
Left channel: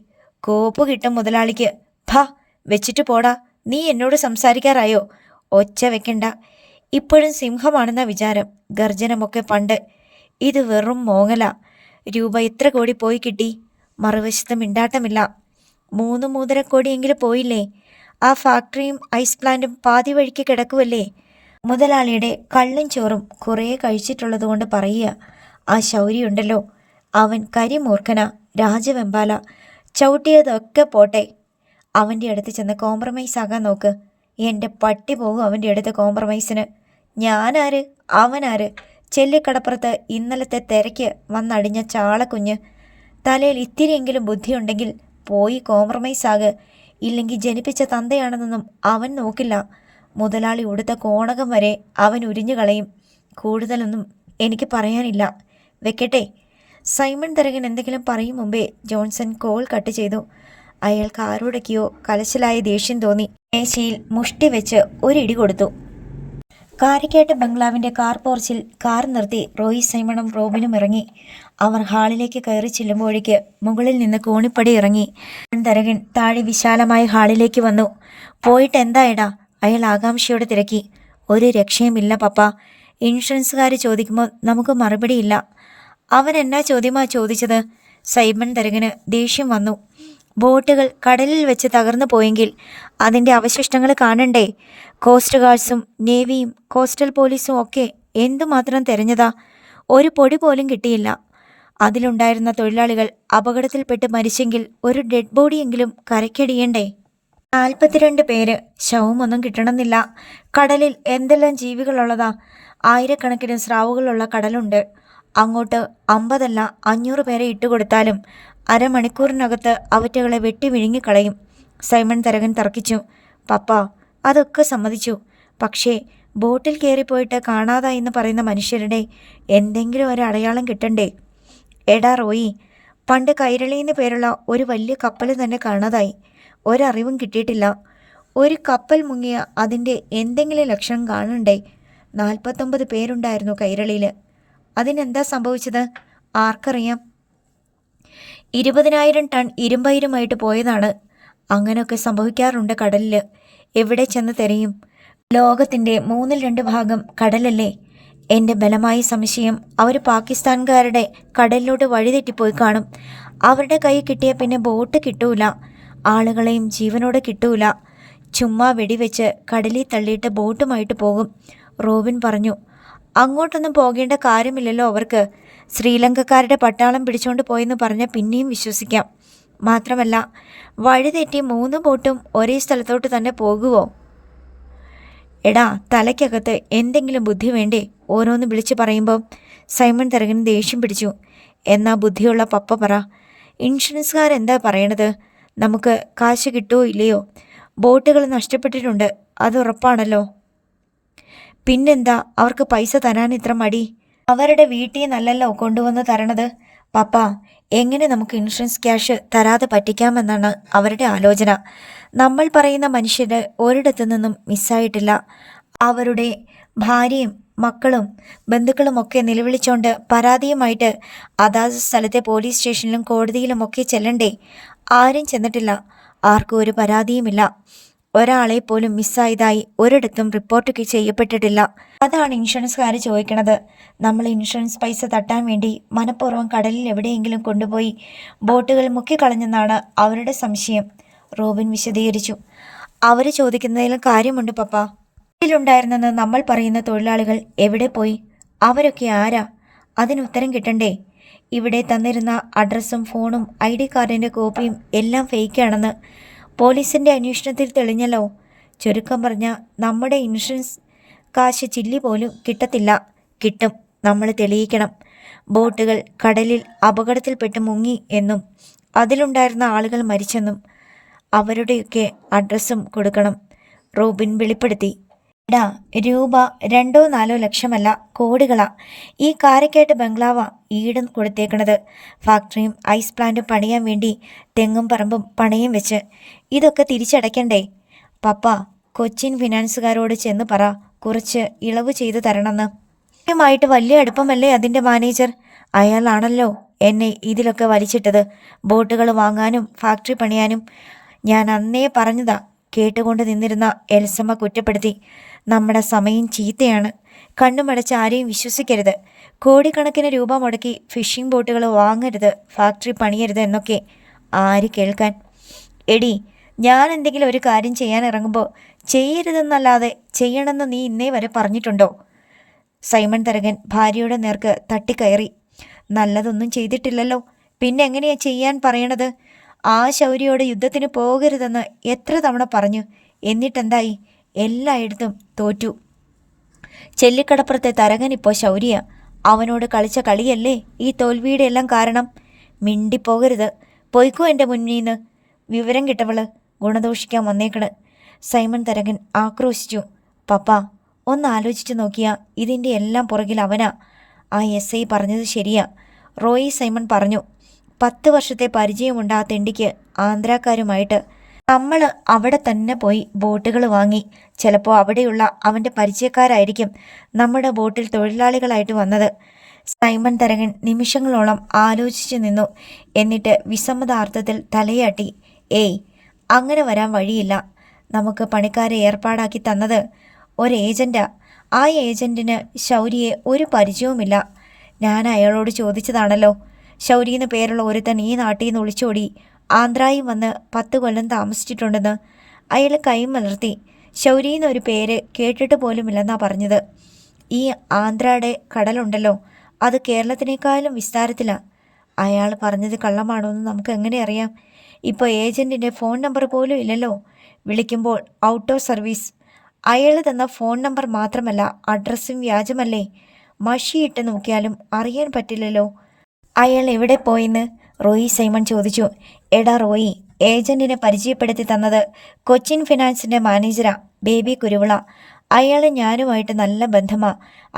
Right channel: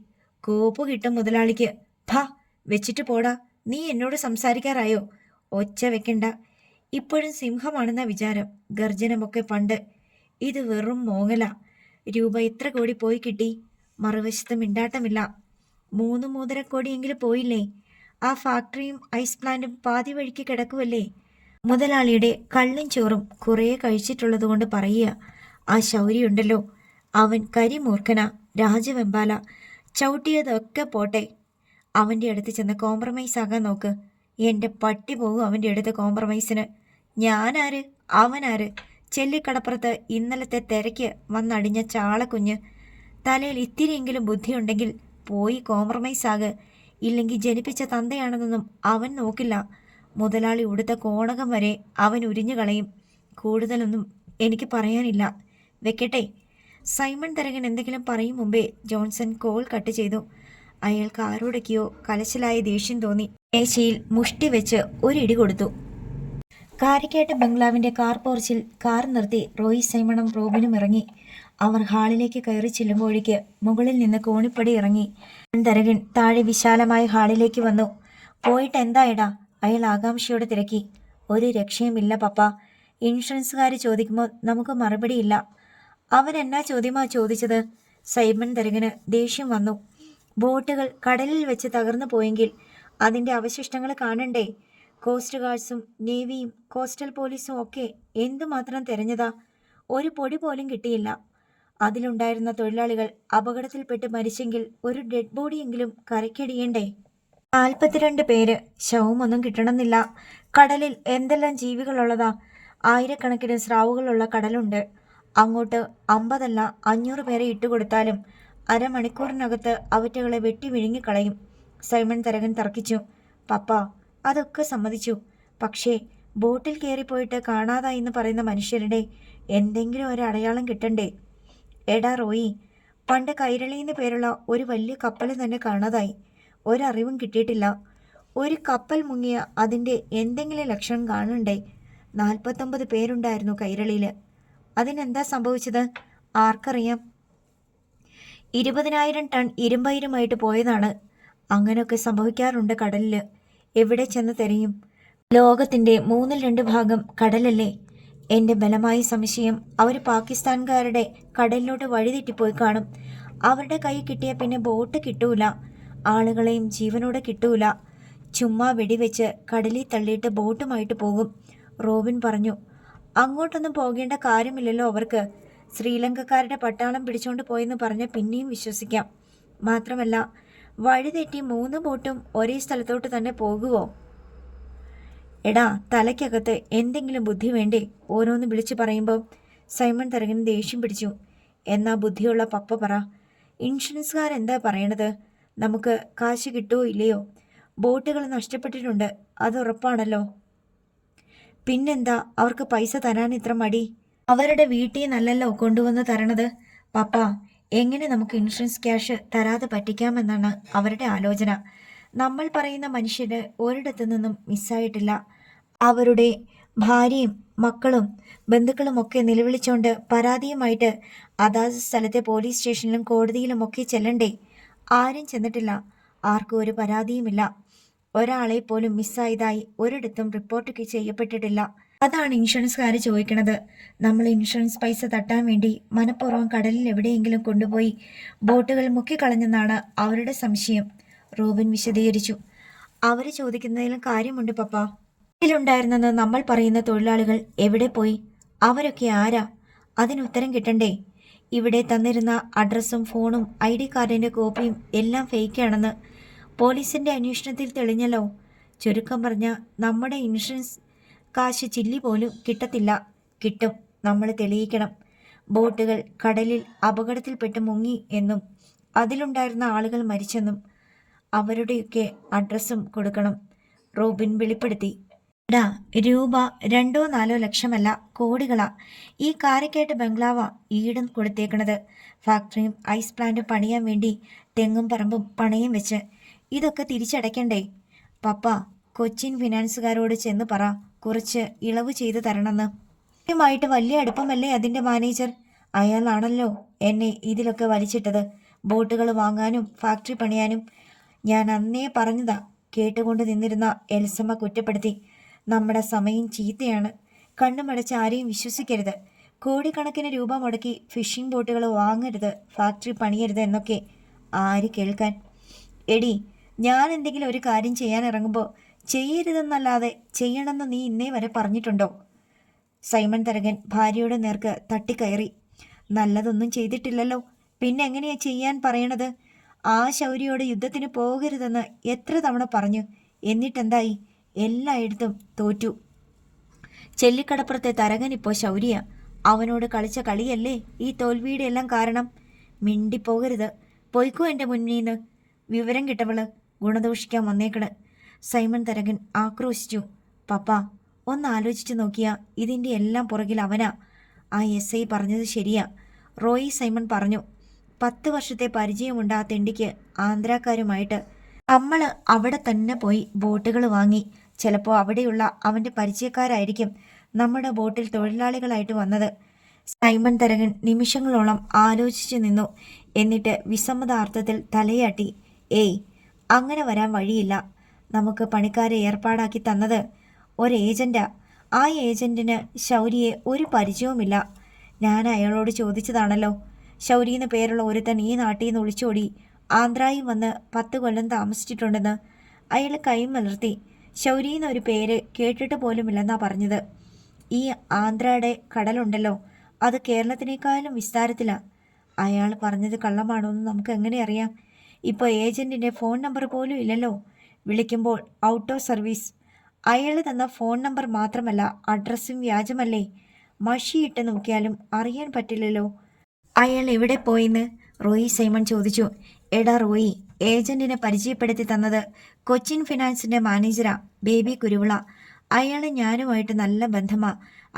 കോപ്പ് കിട്ടും മുതലാളിക്ക്. ഭാ, വെച്ചിട്ട് പോടാ. നീ എന്നോട് സംസാരിക്കാറായോ? ഒച്ച വെക്കണ്ട. ഇപ്പോഴും സിംഹമാണെന്ന വിചാരം. ഗർജനമൊക്കെ പണ്ട്. ഇത് വെറും മോങ്ങല. രൂപ എത്ര കോടി പോയി കിട്ടി? മറുവശത്ത് മിണ്ടാട്ടമില്ല. 3-3.5 കോടിയെങ്കിലും പോയില്ലേ? ആ ഫാക്ടറിയും ഐസ് പ്ലാന്റും പാതി വഴിക്ക് കിടക്കുമല്ലേ? മുതലാളിയുടെ കള്ളും ചോറും കുറേ കഴിച്ചിട്ടുള്ളത് കൊണ്ട് പറയുക. ആ ശൗര്യമുണ്ടല്ലോ, അവൻ കരിമൂർഖന, രാജവെമ്പാല. ചവിട്ടിയതൊക്കെ പോട്ടെ, അവൻ്റെ അടുത്ത് ചെന്ന് കോംപ്രമൈസ് ആകാൻ നോക്ക്. എൻ്റെ പട്ടി പോകും അവൻ്റെ അടുത്ത് കോംപ്രമൈസിന്. ഞാനാര് അവനാര്? ചെല്ലിക്കടപ്പുറത്ത് ഇന്നലത്തെ തിരക്ക് വന്നടിഞ്ഞ ചാളക്കുഞ്ഞ്. തലയിൽ ഇത്തിരിയെങ്കിലും ബുദ്ധിയുണ്ടെങ്കിൽ പോയി കോംപ്രമൈസ് ആക്. ഇല്ലെങ്കിൽ ജനിപ്പിച്ച തന്തയാണെന്നൊന്നും അവൻ നോക്കില്ല. മുതലാളി ഉടുത്ത കോണകം വരെ അവൻ ഉരിഞ്ഞു കളയും. കൂടുതലൊന്നും എനിക്ക് പറയാനില്ല, വെക്കട്ടെ. സൈമൺ തരകൻ എന്തെങ്കിലും പറയും മുമ്പേ ജോൺസൺ കോൾ കട്ട് ചെയ്തു. അയാൾക്ക് ആരോടൊക്കെയോ കലശലായ ദേഷ്യം തോന്നി. മേശയിൽ മുഷ്ടി വെച്ച് ഒരിടി കൊടുത്തു. കാരിക്കേട്ട് ബംഗ്ലാവിന്റെ കാർ പോർച്ചിൽ കാർ നിർത്തി റോയി സൈമണും റോബിനും ഇറങ്ങി. അവർ ഹാളിലേക്ക് കയറി ചെല്ലുമ്പോഴേക്ക് മുകളിൽ നിന്ന് കോണിപ്പടി ഇറങ്ങി തരകൻ താഴെ വിശാലമായ ഹാളിലേക്ക് വന്നു. പോയിട്ട് എന്തായടാ? അയാൾ ആകാംക്ഷയോടെ തിരക്കി. ഒരു രക്ഷയുമില്ല പപ്പ. ഇൻഷുറൻസുകാർ ചോദിക്കുമ്പോൾ നമുക്ക് മറുപടിയില്ല. അവൻ എന്നാ ചോദ്യമാ ചോദിച്ചത്? സൈമൺ തരകന് ദേഷ്യം വന്നു. ബോട്ടുകൾ കടലിൽ വെച്ച് തകർന്നു പോയെങ്കിൽ അതിൻ്റെ അവശിഷ്ടങ്ങൾ കാണണ്ടേ? കോസ്റ്റ് ഗാർഡ്സും നേവിയും കോസ്റ്റൽ പോലീസും ഒക്കെ എന്തുമാത്രം തെരഞ്ഞതാ, ഒരു പൊടി പോലും കിട്ടിയില്ല. അതിലുണ്ടായിരുന്ന തൊഴിലാളികൾ അപകടത്തിൽപ്പെട്ട് മരിച്ചെങ്കിൽ ഒരു ഡെഡ് ബോഡിയെങ്കിലും കരയ്ക്കടിയണ്ടേ? 42 പേര്. ശവമൊന്നും കിട്ടണമെന്നില്ല. കടലിൽ എന്തെല്ലാം ജീവികളുള്ളതാ! ആയിരക്കണക്കിന് സ്രാവുകളുള്ള കടലുണ്ട്. അങ്ങോട്ട് 50 അല്ല 500 പേരെ ഇട്ടുകൊടുത്താലും അരമണിക്കൂറിനകത്ത് അവറ്റകളെ വെട്ടി വിഴുങ്ങിക്കളയും. സൈമൺ തരകൻ തർക്കിച്ചു. പപ്പ അതൊക്കെ സമ്മതിച്ചു. പക്ഷേ ബോട്ടിൽ കയറിപ്പോയിട്ട് കാണാതായെന്ന് പറയുന്ന മനുഷ്യരുടെ എന്തെങ്കിലും ഒരു അടയാളം കിട്ടണ്ടേ? എടാ റോയി, പണ്ട് കൈരളിയെന്ന് പേരുള്ള ഒരു വലിയ കപ്പൽ തന്നെ കാണാതായി. ഒരറിവും കിട്ടിയിട്ടില്ല. ഒരു കപ്പൽ മുങ്ങിയ അതിൻ്റെ എന്തെങ്കിലും ലക്ഷണം കാണണ്ടേ? 49 പേരുണ്ടായിരുന്നു കൈരളിയിൽ. അതിനെന്താ സംഭവിച്ചത്? ആർക്കറിയാം. 20,000 ടൺ ഇരുമ്പയിരുമായിട്ട് പോയതാണ്. അങ്ങനെയൊക്കെ സംഭവിക്കാറുണ്ട് കടലിൽ. എവിടെ ചെന്ന് തിരയും? ലോകത്തിൻ്റെ 1/2 ഭാഗം കടലല്ലേ? എൻ്റെ ബലമായ സംശയം അവർ പാകിസ്ഥാൻകാരുടെ കടലിലോട്ട് വഴിതെറ്റിപ്പോയി കാണും. അവരുടെ കൈ കിട്ടിയ പിന്നെ ബോട്ട് കിട്ടൂല, ആളുകളെയും ജീവനോടെ കിട്ടൂല. ചുമ്മാ വെടിവെച്ച് കടലിൽ തള്ളിയിട്ട് ബോട്ടുമായിട്ട് പോകും. റോബിൻ പറഞ്ഞു. അങ്ങോട്ടൊന്നും പോകേണ്ട കാര്യമില്ലല്ലോ അവർക്ക്. ശ്രീലങ്കക്കാരുടെ പട്ടാളം പിടിച്ചോണ്ട് പോയെന്ന് പറഞ്ഞാൽ പിന്നെയും വിശ്വസിക്കാം. മാത്രമല്ല വഴിതെറ്റി 3 ബോട്ടും ഒരേ സ്ഥലത്തോട്ട് തന്നെ പോകുമോ? എടാ, തലയ്ക്കകത്ത് എന്തെങ്കിലും ബുദ്ധി വേണ്ടേ ഓരോന്ന് വിളിച്ചു പറയുമ്പോൾ? സൈമൺ തരകന് ദേഷ്യം പിടിച്ചു. എന്നാ ബുദ്ധിയുള്ള പപ്പ പറ. ഇൻഷുറൻസുകാരെന്താ പറയണത്? നമുക്ക് കാശ് കിട്ടുമോ ഇല്ലയോ? ബോട്ടുകൾ നഷ്ടപ്പെട്ടിട്ടുണ്ട്, അത് ഉറപ്പാണല്ലോ. പിന്നെന്താ അവർക്ക് പൈസ തരാൻ ഇത്ര മടി? അവരുടെ വീട്ടിൽ നിന്നല്ലല്ലോ കൊണ്ടുവന്ന് തരണത്. പപ്പ, എങ്ങനെ നമുക്ക് ഇൻഷുറൻസ് ക്യാഷ് തരാതെ പറ്റിക്കാമെന്നാണ് അവരുടെ ആലോചന. നമ്മൾ പറയുന്ന മനുഷ്യര് ഒരിടത്തു നിന്നും മിസ്സായിട്ടില്ല. അവരുടെ ഭാര്യയും മക്കളും ബന്ധുക്കളുമൊക്കെ നിലവിളിച്ചോണ്ട് പരാതിയുമായിട്ട് അതാത് സ്ഥലത്തെ പോലീസ് സ്റ്റേഷനിലും കോടതിയിലുമൊക്കെ ചെല്ലണ്ടേ? ആരും ചെന്നിട്ടില്ല. ആർക്കും ഒരു പരാതിയുമില്ല. ഒരാളെ പോലും മിസ്സായതായി ഒരിടത്തും റിപ്പോർട്ട് ചെയ്യപ്പെട്ടിട്ടില്ല. അതാണ് ഇൻഷുറൻസുകാർ ചോദിക്കണത്. നമ്മൾ ഇൻഷുറൻസ് പൈസ തട്ടാൻ വേണ്ടി മനഃപൂർവ്വം കടലിൽ എവിടെയെങ്കിലും കൊണ്ടുപോയി ബോട്ടുകൾ മുക്കിക്കളഞ്ഞെന്നാണ് അവരുടെ സംശയം. റോബിൻ വിശദീകരിച്ചു. അവർ ചോദിക്കുന്നതിലും കാര്യമുണ്ട് പപ്പ. ഇതിലുണ്ടായിരുന്നെന്ന് നമ്മൾ പറയുന്ന തൊഴിലാളികൾ എവിടെ പോയി? അവരൊക്കെ ആരാ? അതിനുത്തരം കിട്ടണ്ടേ? ഇവിടെ തന്നിരുന്ന അഡ്രസ്സും ഫോണും ID കാർഡിൻ്റെ കോപ്പിയും എല്ലാം ഫേക്കാണെന്ന് പോലീസിൻ്റെ അന്വേഷണത്തിൽ തെളിഞ്ഞല്ലോ. ചുരുക്കം പറഞ്ഞാൽ നമ്മുടെ ഇൻഷുറൻസ് കാശ് ചില്ലി പോലും കിട്ടത്തില്ല. കിട്ടും, നമ്മൾ തെളിയിക്കണം. ബോട്ടുകൾ കടലിൽ അപകടത്തിൽപ്പെട്ട് മുങ്ങി എന്നും അതിലുണ്ടായിരുന്ന ആളുകൾ മരിച്ചെന്നും അവരുടെയൊക്കെ അഡ്രസ്സും കൊടുക്കണം. റോബിൻ വെളിപ്പെടുത്തി. എടാ, രൂപ 2-4 ലക്ഷമല്ല, കോടികളാ. ഈ കാരക്കേട്ട് ബംഗ്ലാവാ ഈടും കൊടുത്തേക്കണത്. ഫാക്ടറിയും ഐസ് പ്ലാന്റും പണിയാൻ വേണ്ടി തെങ്ങും പറമ്പും പണയം വെച്ച്. ഇതൊക്കെ തിരിച്ചടയ്ക്കണ്ടേ? പപ്പ, കൊച്ചിൻ ഫിനാൻസുകാരോട് ചെന്ന് പറ കുറച്ച് ഇളവ് ചെയ്തു തരണമെന്ന്. ായിട്ട് വലിയ അടുപ്പമല്ലേ അതിൻ്റെ മാനേജർ? അയാളാണല്ലോ എന്നെ ഇതിലൊക്കെ വലിച്ചിട്ടത്. ബോട്ടുകൾ വാങ്ങാനും ഫാക്ടറി പണിയാനും. ഞാൻ അന്നേ പറഞ്ഞതാ. കേട്ടുകൊണ്ട് നിന്നിരുന്ന എൽസമ്മ കുറ്റപ്പെടുത്തി. നമ്മുടെ സമയം ചീത്തയാണ്. കണ്ണുമടച്ച് ആരെയും വിശ്വസിക്കരുത്. കോടിക്കണക്കിന് രൂപ മുടക്കി ഫിഷിംഗ് ബോട്ടുകൾ വാങ്ങരുത്, ഫാക്ടറി പണിയരുത് എന്നൊക്കെ ആര് കേൾക്കാൻ? എടി, ഞാൻ എന്തെങ്കിലും ഒരു കാര്യം ചെയ്യാൻ ഇറങ്ങുമ്പോൾ ചെയ്യരുതെന്നല്ലാതെ ചെയ്യണമെന്ന് നീ ഇന്നേ വരെ പറഞ്ഞിട്ടുണ്ടോ? സൈമൺ തരകൻ ഭാര്യയുടെ നേർക്ക് തട്ടിക്കയറി. നല്ലതൊന്നും ചെയ്തിട്ടില്ലല്ലോ, പിന്നെ എങ്ങനെയാ ചെയ്യാൻ പറയണത്? ആ ശൗര്യയോട് യുദ്ധത്തിന് പോകരുതെന്ന് എത്ര തവണ പറഞ്ഞു. എന്നിട്ടെന്തായി? എല്ലായിടത്തും തോറ്റു. ചെല്ലിക്കടപ്പുറത്തെ തരകൻ ഇപ്പോൾ ശൗര്യ. അവനോട് കളിച്ച കളിയല്ലേ ഈ തോൽവിയുടെ എല്ലാം കാരണം. മിണ്ടിപ്പോകരുത്, പൊയ്ക്കോ എൻ്റെ മുന്നീന്ന്. വിവരം കിട്ടവള് ഗുണദോഷിക്കാൻ വന്നേക്കണ്. സൈമൺ തരകൻ ആക്രോശിച്ചു. പപ്പ, ഒന്ന് ആലോചിച്ചു നോക്കിയാ ഇതിൻ്റെ എല്ലാം പുറകിൽ അവനാ. ആ എസ് ഐ പറഞ്ഞത് ശരിയാ, റോയി സൈമൺ പറഞ്ഞു. 10 വർഷത്തെ പരിചയമുണ്ട് ആ തെണ്ടിക്ക് ആന്ധ്രാക്കാരുമായിട്ട്. നമ്മൾ അവിടെ തന്നെ പോയി ബോട്ടുകൾ വാങ്ങി. ചിലപ്പോൾ അവിടെയുള്ള അവൻ്റെ പരിചയക്കാരായിരിക്കും നമ്മുടെ ബോട്ടിൽ തൊഴിലാളികളായിട്ട് വന്നത്. സൈമൺ തരകൻ നിമിഷങ്ങളോളം ആലോചിച്ചു നിന്നു. എന്നിട്ട് വിസമ്മതാർത്ഥത്തിൽ തലയാട്ടി. ഏയ്, അങ്ങനെ വരാൻ വഴിയില്ല. നമുക്ക് പണിക്കാരെ ഏർപ്പാടാക്കി തന്നത് ഒരു ഏജൻറ്റാ. ആ ഏജൻറ്റിന് ശൗര്യയെ ഒരു പരിചയവുമില്ല. ഞാൻ അയാളോട് ചോദിച്ചതാണല്ലോ. ശൗര്യന്ന് പേരുള്ള ഒരുത്തൻ ഈ നാട്ടിൽ നിന്ന് ഒളിച്ചോടി ആന്ധ്രായിൽ വന്ന് 10 കൊല്ലം താമസിച്ചിട്ടുണ്ടെന്ന്. അയാൾ കൈമലർത്തി. ശൗര്യന്നൊരു പേര് കേട്ടിട്ട് പോലുമില്ലെന്നാ പറഞ്ഞത്. ഈ ആന്ധ്രയുടെ കടലുണ്ടല്ലോ, അത് കേരളത്തിനേക്കാളും വിസ്താരത്തിലാണ്. അയാൾ പറഞ്ഞത് കള്ളമാണോ എന്ന് നമുക്ക് എങ്ങനെ അറിയാം? ഇപ്പോൾ ഏജൻറ്റിൻ്റെ ഫോൺ നമ്പർ പോലും ഇല്ലല്ലോ. വിളിക്കുമ്പോൾ ഔട്ട് ഓഫ് സർവീസ്. അയാൾ തന്ന ഫോൺ നമ്പർ മാത്രമല്ല, അഡ്രസ്സും വ്യാജമല്ലേ. മഷിയിട്ട് നോക്കിയാലും അറിയാൻ പറ്റില്ലല്ലോ. അയാൾ എവിടെ പോയിന്ന് റോയി സൈമൺ ചോദിച്ചു. എടാ റോയി, ഏജൻറ്റിനെ പരിചയപ്പെടുത്തി തന്നത് കൊച്ചിൻ ഫിനാൻസിൻ്റെ മാനേജരാ, ബേബി കുരുവിള. അയാൾ ഞാനുമായിട്ട് നല്ല ബന്ധമാ.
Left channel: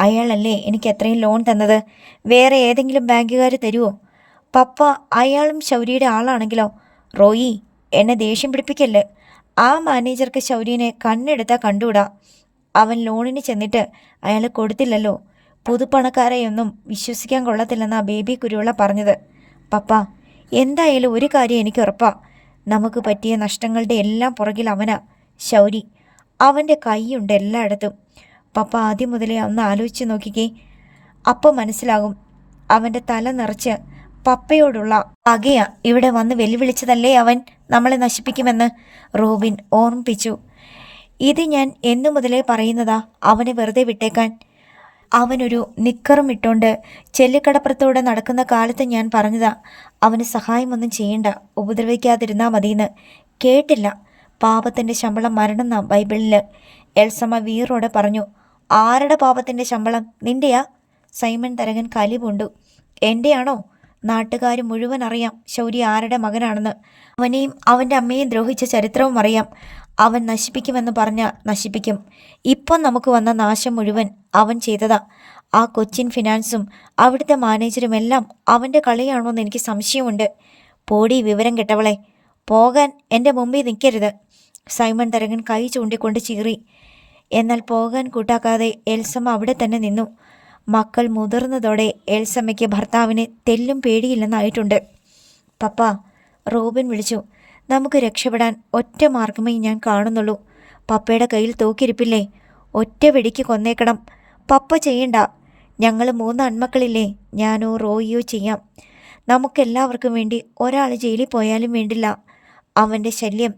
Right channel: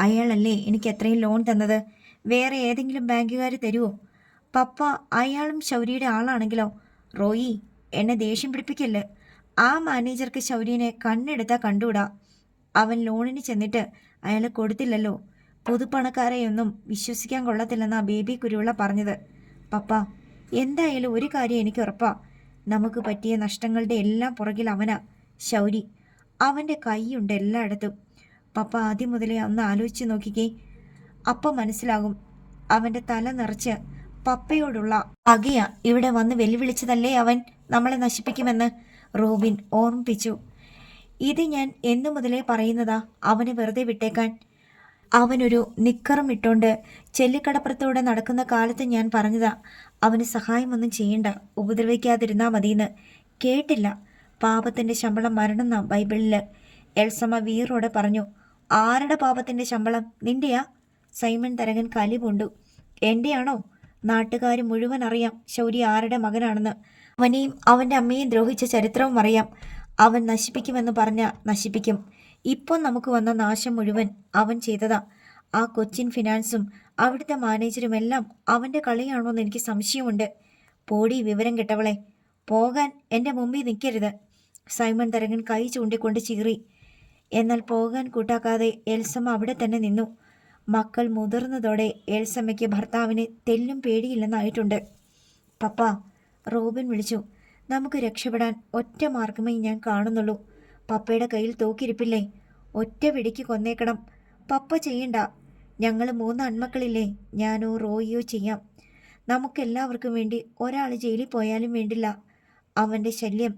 അയാളല്ലേ എനിക്ക് എത്രയും ലോൺ തന്നത്. വേറെ ഏതെങ്കിലും ബാങ്കുകാർ തരുമോ? പപ്പ, അയാളും ശൗര്യയുടെ ആളാണെങ്കിലോ? റോയി, എന്നെ ദേഷ്യം പിടിപ്പിക്കല്ലേ. ആ മാനേജർക്ക് ശൗര്യനെ കണ്ണെടുത്താൽ കണ്ടുകൂടാ. അവൻ ലോണിന് ചെന്നിട്ട് അയാൾ കൊടുത്തില്ലല്ലോ. പുതുപ്പണക്കാരെയൊന്നും വിശ്വസിക്കാൻ കൊള്ളത്തില്ലെന്നാ ബേബി കുരുവിള പറഞ്ഞത്. പപ്പ, എന്തായാലും ഒരു കാര്യം എനിക്ക് ഉറപ്പാ, നമുക്ക് പറ്റിയ നഷ്ടങ്ങളുടെ എല്ലാം പുറകിൽ അവനാ, ശൗരി. അവൻ്റെ കൈയുണ്ട് എല്ലായിടത്തും. പപ്പ ആദ്യം മുതലേ ഒന്ന് ആലോചിച്ച് നോക്കിക്കേ, അപ്പം മനസ്സിലാകും. അവൻ്റെ തല നിറച്ച് പപ്പയോടുള്ള പകയാ ഇവിടെ വന്ന് വെല്ലുവിളിച്ചതല്ലേ അവൻ നമ്മളെ നശിപ്പിക്കുമെന്ന് റോബിൻ ഓർമ്മിപ്പിച്ചു. ഇത് ഞാൻ എന്നു മുതലേ പറയുന്നതാ, അവനെ വെറുതെ വിട്ടേക്കാൻ. അവനൊരു നിക്കറും ഇട്ടുകൊണ്ട് ചെല്ലിക്കടപ്പുറത്തൂടെ നടക്കുന്ന കാലത്ത് ഞാൻ പറഞ്ഞതാ, അവന് സഹായമൊന്നും ചെയ്യണ്ട, ഉപദ്രവിക്കാതിരുന്നാൽ മതിയെന്ന്. കേട്ടില്ല. പാപത്തിൻ്റെ ശമ്പളം മരണം നാം ബൈബിളിൽ. എൽസമ്മ വീറോടെ പറഞ്ഞു. ആരുടെ പാപത്തിൻ്റെ ശമ്പളം? നിന്റെയാ? സൈമൺ തരകൻ കലി പൂണ്ടു. എൻ്റെയാണോ? നാട്ടുകാർ മുഴുവൻ അറിയാം ശൗര്യ ആരുടെ മകനാണെന്ന്. അവനെയും അവൻ്റെ അമ്മയെയും ദ്രോഹിച്ച ചരിത്രവും അറിയാം. അവൻ നശിപ്പിക്കുമെന്ന് പറഞ്ഞാൽ നശിപ്പിക്കും. ഇപ്പം നമുക്ക് വന്ന നാശം മുഴുവൻ അവൻ ചെയ്തതാ. ആ കൊച്ചിൻ ഫിനാൻസും അവിടുത്തെ മാനേജരുമെല്ലാം അവൻ്റെ കളിയാണോന്ന് എനിക്ക് സംശയമുണ്ട്. പോടി വിവരം കെട്ടവളെ, പോകാൻ എൻ്റെ മുമ്പിൽ നിൽക്കരുത്. സൈമൺ തരകൻ കൈ ചൂണ്ടിക്കൊണ്ട് ചീറി. എന്നാൽ പോകാൻ കൂട്ടാക്കാതെ എൽസമ്മ അവിടെ തന്നെ നിന്നു. മക്കൾ മുതിർന്നതോടെ എൽസമ്മയ്ക്ക് ഭർത്താവിനെ തെല്ലും പേടിയില്ലെന്നായിട്ടുണ്ട്. പപ്പ, റോബിൻ വിളിച്ചു. നമുക്ക് രക്ഷപ്പെടാൻ ഒറ്റ മാർഗമേ ഞാൻ കാണുന്നുള്ളൂ. പപ്പയുടെ കയ്യിൽ തോക്കിരിപ്പില്ലേ? ഒറ്റ വെടിക്ക് കൊന്നേക്കണം. പപ്പ ചെയ്യണ്ട. ഞങ്ങൾ 3 ആൺമക്കളില്ലേ, ഞാനോ റോയിയോ ചെയ്യാം. നമുക്കെല്ലാവർക്കും വേണ്ടി ഒരാൾ ജയിലിൽ പോയാലും വേണ്ടില്ല. അവൻ്റെ ശല്യം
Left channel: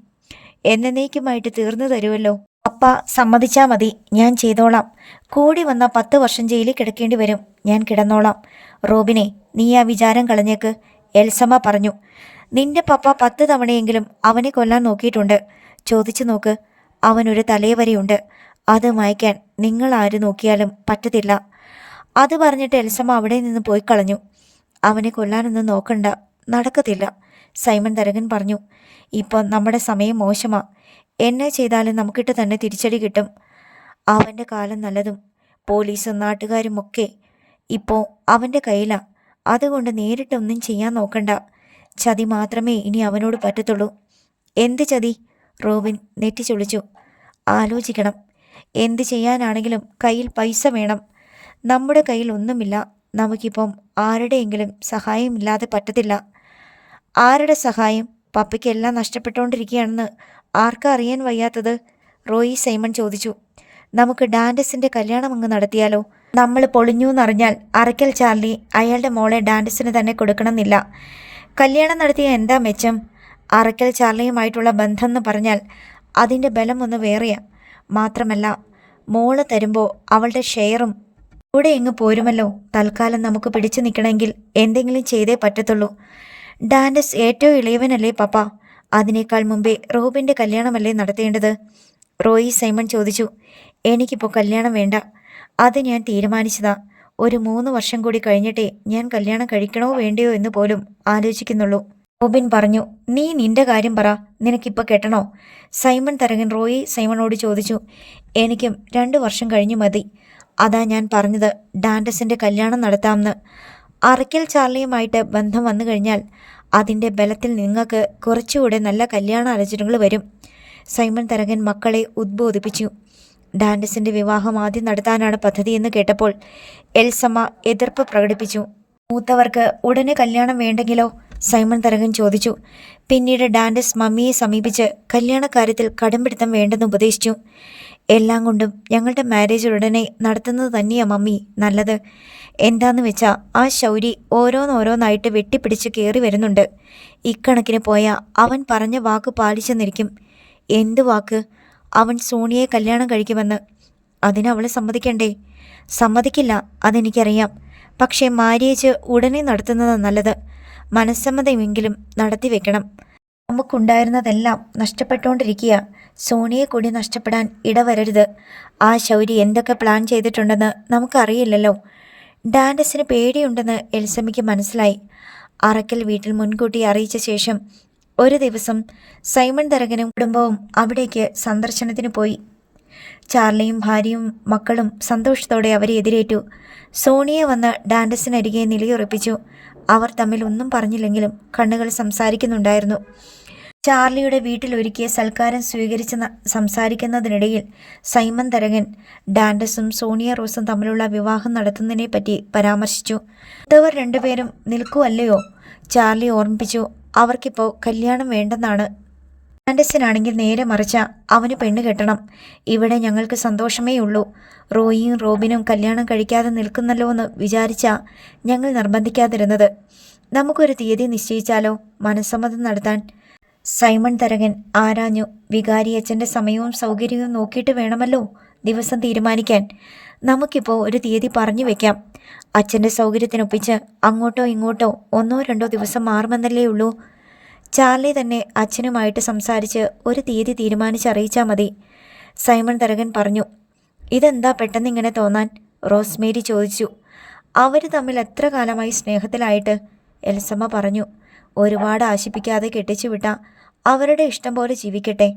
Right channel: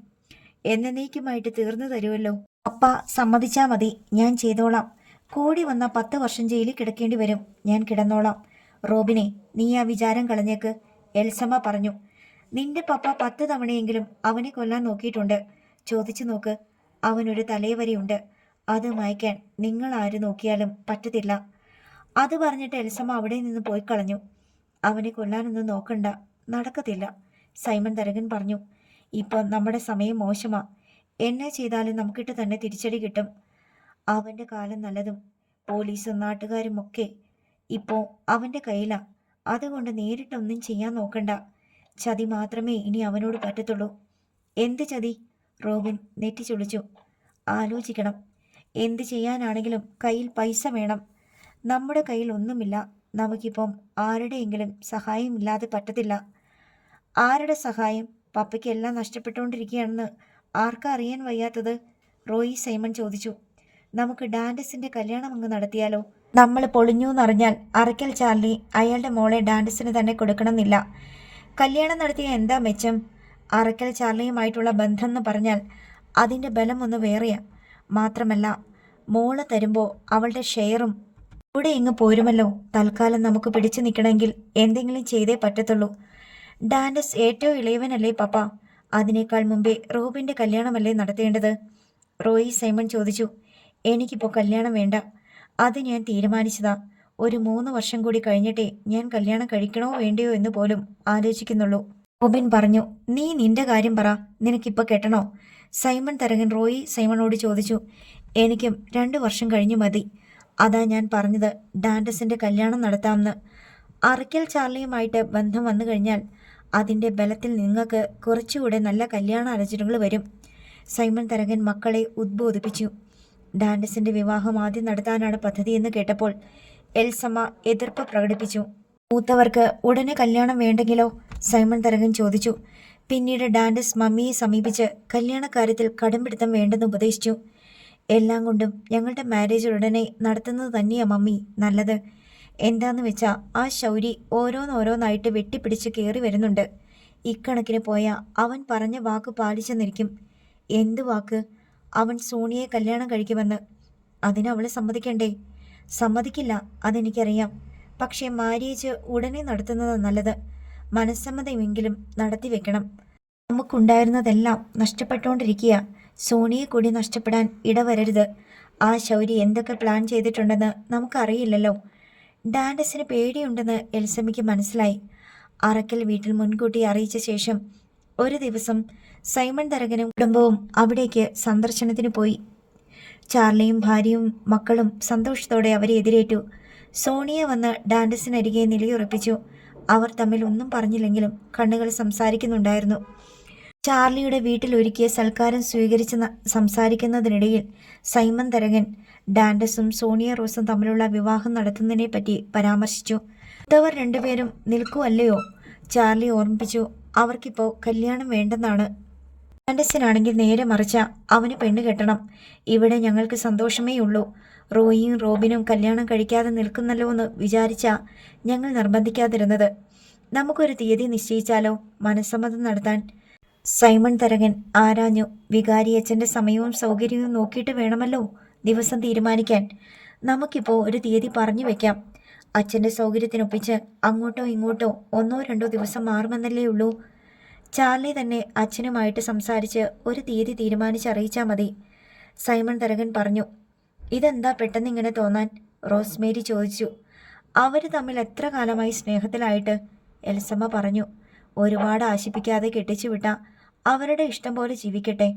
എന്നേക്കുമായിട്ട് തീർന്നു തരുമല്ലോ. പപ്പ സമ്മതിച്ചാൽ മതി, ഞാൻ ചെയ്തോളാം. കൂടി വന്ന 10 വർഷം ജയിലിൽ കിടക്കേണ്ടി വരും. ഞാൻ കിടന്നോളാം. റോബിനെ, നീ ആ വിചാരം കളഞ്ഞേക്ക്, എൽസമ്മ പറഞ്ഞു. നിന്റെ പപ്പ 10 തവണയെങ്കിലും അവനെ കൊല്ലാൻ നോക്കിയിട്ടുണ്ട്. ചോദിച്ചു നോക്ക്. അവനൊരു തലവരെയുണ്ട്. അത് മായ്ക്കാൻ നിങ്ങൾ ആര് നോക്കിയാലും പറ്റത്തില്ല. അത് പറഞ്ഞിട്ട് എൽസമ്മ അവിടെ നിന്ന് പോയി കളഞ്ഞു. അവനെ കൊല്ലാനൊന്നും നോക്കണ്ട, നടക്കത്തില്ല. സൈമൺ തരകൻ പറഞ്ഞു. ഇപ്പം നമ്മുടെ സമയം മോശമാ. എന്നെ ചെയ്താലും നമുക്കിട്ട് തന്നെ തിരിച്ചടി കിട്ടും. അവൻ്റെ കാലം നല്ലതും പോലീസും നാട്ടുകാരുമൊക്കെ ഇപ്പോൾ അവൻ്റെ കയ്യിലാ. അതുകൊണ്ട് നേരിട്ടൊന്നും ചെയ്യാൻ നോക്കണ്ട. ചതി മാത്രമേ ഇനി അവനോട് പറ്റത്തുള്ളൂ. എന്ത് ചതി? റോബിൻ നെറ്റിച്ചൊളിച്ചു. ആലോചിക്കണം. എന്ത് ചെയ്യാനാണെങ്കിലും കയ്യിൽ പൈസ വേണം. നമ്മുടെ കയ്യിൽ ഒന്നുമില്ല. നമുക്കിപ്പം ആരുടെയെങ്കിലും സഹായമില്ലാതെ പറ്റത്തില്ല. ആരുടെ സഹായം? പപ്പയ്ക്ക് എല്ലാം നഷ്ടപ്പെട്ടുകൊണ്ടിരിക്കുകയാണെന്ന് ആർക്കാ അറിയാൻ വയ്യാത്തത്? റോയി സൈമൺ ചോദിച്ചു. നമുക്ക് ഡാൻഡസിൻ്റെ കല്യാണം അങ്ങ് നടത്തിയാലോ? നമ്മൾ പൊളിഞ്ഞു എന്നറിഞ്ഞാൽ അറക്കൽ ചാർലി അയാളുടെ മോളെ ഡാൻഡസിന് തന്നെ കൊടുക്കണമെന്നില്ല. കല്യാണം നടത്തിയ എന്താ മെച്ചം? അറക്കൽ ചാർലിയുമായിട്ടുള്ള ബന്ധം എന്ന് പറഞ്ഞാൽ അതിൻ്റെ ബലം ഒന്ന് വേറെയാ. മാത്രമല്ല, മോള് തരുമ്പോൾ അവളുടെ ഷെയറും കൂടെ ഇങ്ങ് പോരുമല്ലോ. തൽക്കാലം നമുക്ക് പിടിച്ചു നിൽക്കണമെങ്കിൽ എന്തെങ്കിലും ചെയ്തേ പറ്റത്തുള്ളൂ. ഡാൻഡസ് ഏറ്റവും ഇളയവനല്ലേ പപ്പ? അതിനേക്കാൾ മുമ്പേ റോബിൻ്റെ കല്യാണമല്ലേ നടത്തേണ്ടത്? റോയി സൈമൺ ചോദിച്ചു. എനിക്കിപ്പോൾ കല്യാണം വേണ്ട. അത് ഞാൻ തീരുമാനിച്ചതാ. ഒരു 3 വർഷം കൂടി കഴിഞ്ഞിട്ടേ ഞാൻ കല്യാണം കഴിക്കണോ വേണ്ടയോ എന്ന് പോലും ആലോചിക്കുന്നുള്ളൂ. റോബിൻ പറഞ്ഞു. നീ നിന്റെ കാര്യം പറ, നിനക്കിപ്പോൾ കെട്ടണോ? സൈമൺ തരകൻ റോയി സൈമണോട് ചോദിച്ചു. എനിക്കും 2 വർഷം കഴിഞ്ഞു മതി. അതാ ഞാൻ പറഞ്ഞത് ഡാൻഡസിന്റെ കല്യാണം നടത്താമെന്ന്. അറയ്ക്കൽ ചാർലിയുമായിട്ട് ബന്ധം വന്നു കഴിഞ്ഞാൽ അതിൻ്റെ ബലത്തിൽ നിങ്ങൾക്ക് കുറച്ചുകൂടെ നല്ല കല്യാണ ആലോചനകൾ വരും. സൈമൺ തരകൻ മക്കളെ ഉദ്ബോധിപ്പിച്ചു. ഡാൻഡസിന്റെ വിവാഹം ആദ്യം നടത്താനാണ് പദ്ധതിയെന്ന് കേട്ടപ്പോൾ എൽസമ്മ എതിർപ്പ് പ്രകടിപ്പിച്ചു. മൂത്തവർക്ക് ഉടനെ കല്യാണം വേണ്ടെങ്കിലോ? സൈമൺ തരകൻ ചോദിച്ചു. പിന്നീട് ഡാൻഡസ് മമ്മിയെ സമീപിച്ച് കല്യാണക്കാര്യത്തിൽ കടുംപിടുത്തം വേണ്ടെന്ന് ഉപദേശിച്ചു. എല്ലാം കൊണ്ടും ഞങ്ങളുടെ മാരേജ് ഉടനെ നടത്തുന്നത് തന്നെയാ മമ്മി നല്ലത്. എന്താന്ന് വെച്ചാൽ ആ ശൗരി ഓരോന്നോരോന്നായിട്ട് വെട്ടിപ്പിടിച്ച് കയറി വരുന്നുണ്ട്. ഇക്കണക്കിന് പോയാൽ അവൻ പറഞ്ഞ വാക്ക് പാലിച്ചെന്നിരിക്കും. എന്ത് വാക്ക്? അവൻ സോണിയെ കല്യാണം കഴിക്കുമെന്ന്. അതിനവളെ സമ്മതിക്കണ്ടേ? സമ്മതിക്കില്ല, അതെനിക്കറിയാം. പക്ഷേ മാരേജ് ഉടനെ നടത്തുന്നത് നല്ലത്. മനസ്സമ്മതമെങ്കിലും നടത്തി വെക്കണം. നമുക്കുണ്ടായിരുന്നതെല്ലാം നഷ്ടപ്പെട്ടുകൊണ്ടിരിക്കുക. സോണിയെ കൂടി നഷ്ടപ്പെടാൻ ഇടവരരുത്. ആ ശൗരി എന്തൊക്കെ പ്ലാൻ ചെയ്തിട്ടുണ്ടെന്ന് നമുക്കറിയില്ലല്ലോ. ഡാൻഡസിന് പേടിയുണ്ടെന്ന് എൽസമ്മയ്ക്ക് മനസ്സിലായി. അറക്കൽ വീട്ടിൽ മുൻകൂട്ടി അറിയിച്ച ശേഷം ഒരു ദിവസം സൈമൺ തരകനും കുടുംബവും അവിടേക്ക് സന്ദർശനത്തിന് പോയി. ചാർലിയും ഭാര്യയും മക്കളും സന്തോഷത്തോടെ അവരെ എതിരേറ്റു. സോണിയ വന്ന് ഡാൻഡസിനരികെ നിലയുറപ്പിച്ചു. അവർ തമ്മിൽ ഒന്നും പറഞ്ഞില്ലെങ്കിലും കണ്ണുകൾ സംസാരിക്കുന്നുണ്ടായിരുന്നു. ചാർലിയുടെ വീട്ടിൽ ഒരുക്കിയ സൽക്കാരം സ്വീകരിച്ച് സംസാരിക്കുന്നതിനിടയിൽ സൈമൺ തരകൻ ഡാൻഡസും സോണിയ റോസും തമ്മിലുള്ള വിവാഹം നടത്തുന്നതിനെ പറ്റി പരാമർശിച്ചു. ഇതവർ രണ്ടുപേരും നിൽക്കുവല്ലയോ? ചാർലി ഓർമ്മിപ്പിച്ചു. അവർക്കിപ്പോൾ കല്യാണം വേണ്ടെന്നാണ്. ഡാൻഡസിനാണെങ്കിൽ നേരെ മറിച്ച അവന് പെണ്ണ് കെട്ടണം. ഇവിടെ ഞങ്ങൾക്ക് സന്തോഷമേ ഉള്ളൂ. റോയിയും റോബിനും കല്യാണം കഴിക്കാതെ നിൽക്കുന്നല്ലോ എന്ന് വിചാരിച്ചാ ഞങ്ങൾ നിർബന്ധിക്കാതിരുന്നത്. നമുക്കൊരു തീയതി നിശ്ചയിച്ചാലോ മനസ്സമ്മതം നടത്താൻ? സൈമൺ തരകൻ ആരാഞ്ഞു. വികാരിയച്ഛൻ്റെ സമയവും സൗകര്യവും നോക്കിയിട്ട് വേണമല്ലോ ദിവസം തീരുമാനിക്കാൻ. നമുക്കിപ്പോൾ ഒരു തീയതി പറഞ്ഞു വെക്കാം. അച്ഛൻ്റെ സൗകര്യത്തിനൊപ്പിച്ച് അങ്ങോട്ടോ ഇങ്ങോട്ടോ 1-2 ദിവസം മാറുമെന്നല്ലേ ഉള്ളൂ. ചാർലി തന്നെ അച്ഛനുമായിട്ട് സംസാരിച്ച് ഒരു തീയതി തീരുമാനിച്ചറിയിച്ചാൽ മതി. സൈമൺ തരകൻ പറഞ്ഞു. ഇതെന്താ പെട്ടെന്നിങ്ങനെ തോന്നാൻ? റോസ്മേരി ചോദിച്ചു. അവർ തമ്മിൽ എത്ര കാലമായി സ്നേഹത്തിലായിട്ട്? എൽസമ്മ പറഞ്ഞു. ഒരുപാട് ആശിപ്പിക്കാതെ കെട്ടിച്ചുവിട്ട അവരുടെ ഇഷ്ടം പോലെ ജീവിക്കട്ടെ.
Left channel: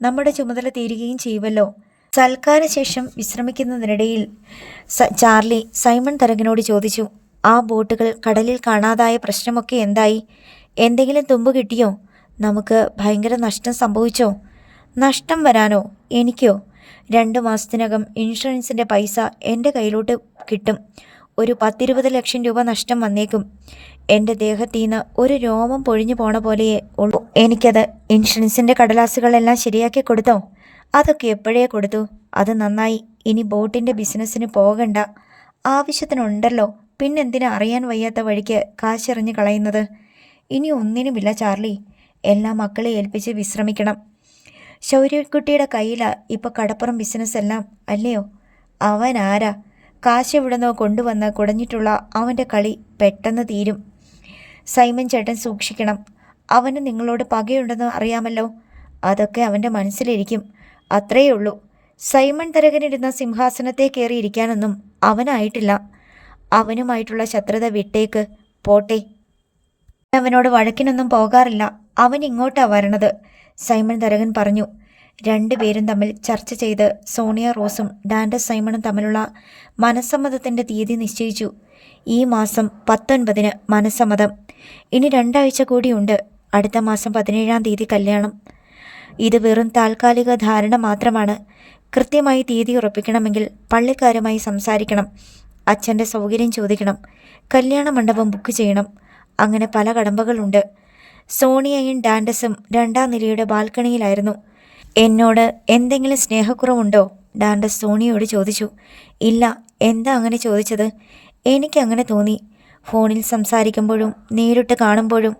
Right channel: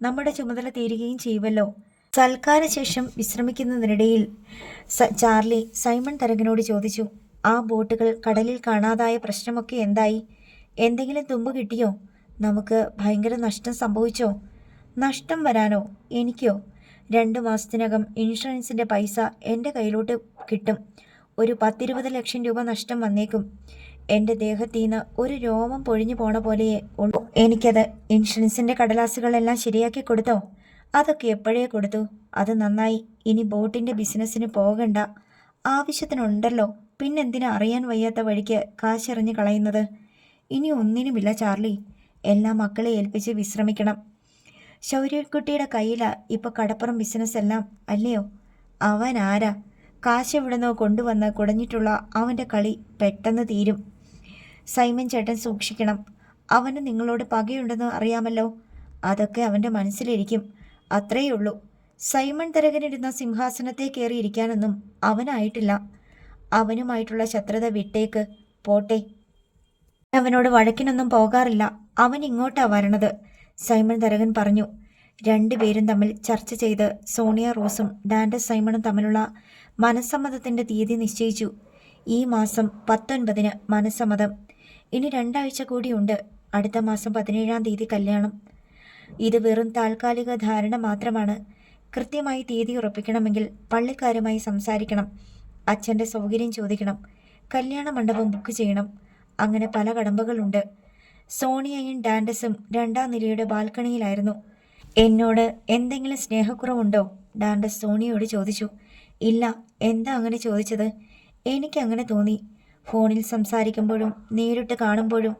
നമ്മുടെ ചുമതല തീരുകയും ചെയ്യുമല്ലോ. സൽക്കാരശേഷം വിശ്രമിക്കുന്നതിനിടയിൽ ചാർലി സൈമൺ തരകനോട് ചോദിച്ചു. ആ ബോട്ടുകൾ കടലിൽ കാണാതായ പ്രശ്നമൊക്കെ എന്തായി? എന്തെങ്കിലും തുമ്പ് കിട്ടിയോ? നമുക്ക് ഭയങ്കര നഷ്ടം സംഭവിച്ചോ? നഷ്ടം വരാനോ? എനിക്കോ? 2 മാസത്തിനകം ഇൻഷുറൻസിൻ്റെ പൈസ എൻ്റെ കയ്യിലോട്ട് കിട്ടും. ഒരു 10-20 ലക്ഷം രൂപ നഷ്ടം വന്നേക്കും. എൻ്റെ ദേഹത്തീന്ന് ഒരു രോമം പൊഴിഞ്ഞു പോണ പോലെയേ ഉള്ളൂ. എനിക്കത് ഇൻഷുറൻസിൻ്റെ കടലാസുകളെല്ലാം ശരിയാക്കി കൊടുത്തോ? അതൊക്കെ എപ്പോഴേ കൊടുത്തു. അത് നന്നായി. ഇനി ബോട്ടിൻ്റെ ബിസിനസ്സിന് പോകണ്ട. ആവശ്യത്തിനുണ്ടല്ലോ. പിന്നെന്തിനാ അറിയാൻ വയ്യാത്ത വഴിക്ക് കാശെറിഞ്ഞ് കളയുന്നത്? ഇനി ഒന്നിനുമില്ല ചാർലി. എല്ലാ മക്കളെ ഏൽപ്പിച്ച് വിശ്രമിക്കണം. ശൗര്യക്കുട്ടിയുടെ കയ്യിലാ ഇപ്പോൾ കടപ്പുറം ബിസിനസ് എല്ലാം അല്ലയോ? അവൻ ആരാ? കാശ് എവിടുന്നോ കൊണ്ടുവന്ന് കുടഞ്ഞിട്ടുള്ള അവൻ്റെ കളി പെട്ടെന്ന് തീരും. സൈമൺ ചേട്ടൻ സൂക്ഷിക്കണം. അവന് നിങ്ങളോട് പകയുണ്ടെന്ന് അറിയാമല്ലോ. അതൊക്കെ അവൻ്റെ മനസ്സിലിരിക്കും. അത്രയേ ഉള്ളൂ. സൈമൺ തരകനിരുന്ന സിംഹാസനത്തെ കയറിയിരിക്കാനൊന്നും അവനായിട്ടില്ല. അവനുമായിട്ടുള്ള ശത്രുത വിട്ടേക്ക് പോട്ടെ. അവനോട് വഴക്കിനൊന്നും പോകാറില്ല. അവൻ ഇങ്ങോട്ടാ വരണത്, സൈമൺ തരകൻ പറഞ്ഞു. 2 പേരും തമ്മിൽ ചർച്ച ചെയ്ത് സോണിയ റോസും ഡാൻഡസ് സൈമണും തമ്മിലുള്ള മനസ്സമ്മതത്തിൻ്റെ തീയതി നിശ്ചയിച്ചു. ഈ മാസം 19-ന് മനസ്സമ്മതം. ഇനി 2 ആഴ്ച കൂടിയുണ്ട്. അടുത്ത മാസം 17-ാം തീയതി കല്യാണം. ഇത് വെറും താൽക്കാലിക ധാരണ മാത്രമാണ്. കൃത്യമായി തീയതി ഉറപ്പിക്കണമെങ്കിൽ പള്ളിക്കാരുമായി സംസാരിക്കണം. അച്ഛൻ്റെ സൗകര്യം ചോദിക്കണം. കല്യാണ മണ്ഡപം ബുക്ക് ചെയ്യണം. അങ്ങനെ പല കടമ്പകളുണ്ട്. സോണിയയും ഡാൻഡസും 2-ാം നിലയുടെ ബാൽക്കണിയിലായിരുന്നു. എന്നോട് എന്തെങ്കിലും സ്നേഹക്കുറവുണ്ടോ? ഡാൻഡസ് സോണിയോട് ചോദിച്ചു. ഇല്ല. എന്താ അങ്ങനെ ചോദിച്ചത്? എനിക്കങ്ങനെ തോന്നി. ഫോണിൽ സംസാരിക്കുമ്പോഴും നേരിട്ട് കാണുമ്പോഴും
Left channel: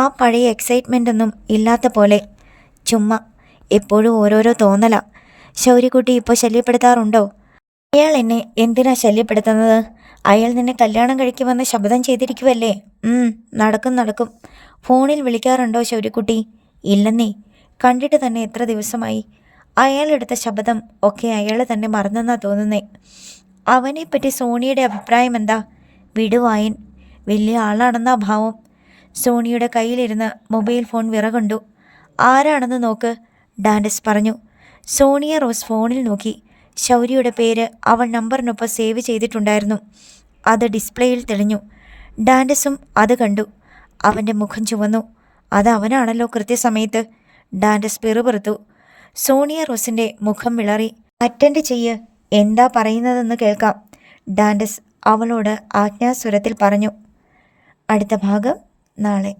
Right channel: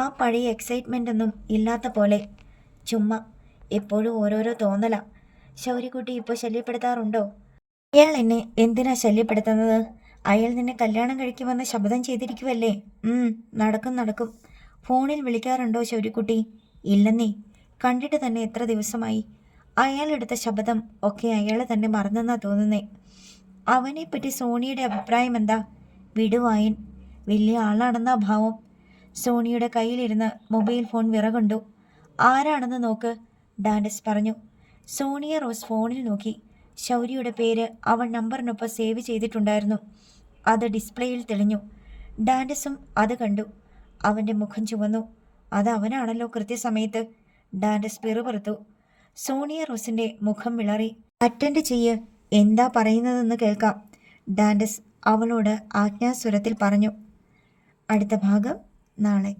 ആ പഴയ എക്സൈറ്റ്മെൻ്റ് ഒന്നും ഇല്ലാത്ത പോലെ. ചുമ്മാ എപ്പോഴും ഓരോരോ തോന്നലാ. ശൗര്യക്കുട്ടി ഇപ്പോൾ ശല്യപ്പെടുത്താറുണ്ടോ? അയാൾ എന്നെ എന്തിനാ ശല്യപ്പെടുത്തുന്നത്? അയാൾ നിന്നെ കല്യാണം കഴിക്കുമെന്ന് ശപഥം ചെയ്തിരിക്കുവല്ലേ? നടക്കും. ഫോണിൽ വിളിക്കാറുണ്ടോ ശൗര്യക്കുട്ടി? ഇല്ലെന്നേ. കണ്ടിട്ട് തന്നെ എത്ര ദിവസമായി. അയാളെടുത്ത ശപഥം ഒക്കെ അയാൾ തന്നെ മറന്നെന്നാ തോന്നുന്നേ. അവനെപ്പറ്റി സോണിയുടെ അഭിപ്രായം എന്താ? വിടുവായൻ, വലിയ ആളാണെന്ന അഭാവം. സോണിയുടെ കയ്യിലിരുന്ന് മൊബൈൽ ഫോൺ വിറകൊണ്ടു. ആരാണെന്ന് നോക്ക്, ഡാൻഡസ് പറഞ്ഞു. സോണിയ റോസ് ഫോണിൽ നോക്കി. ശൗര്യയുടെ പേര് അവൾ നമ്പറിനൊപ്പം സേവ് ചെയ്തിട്ടുണ്ടായിരുന്നു. അത് ഡിസ്പ്ലേയിൽ തെളിഞ്ഞു. ഡാൻഡസും അത് കണ്ടു. അവൻ്റെ മുഖം ചുവന്നു. അത് അവനാണല്ലോ കൃത്യസമയത്ത്. ഡാൻഡസ് പിറുപിറുത്തു. സോണിയ റോസിൻ്റെ മുഖം വിളറി. അറ്റൻഡ് ചെയ്യ്, എന്താ പറയുന്നതെന്ന് കേൾക്കാം, ഡാൻഡസ് അവളോട് ആജ്ഞാസ്വരത്തിൽ പറഞ്ഞു. അടുത്ത ഭാഗം നാളെ.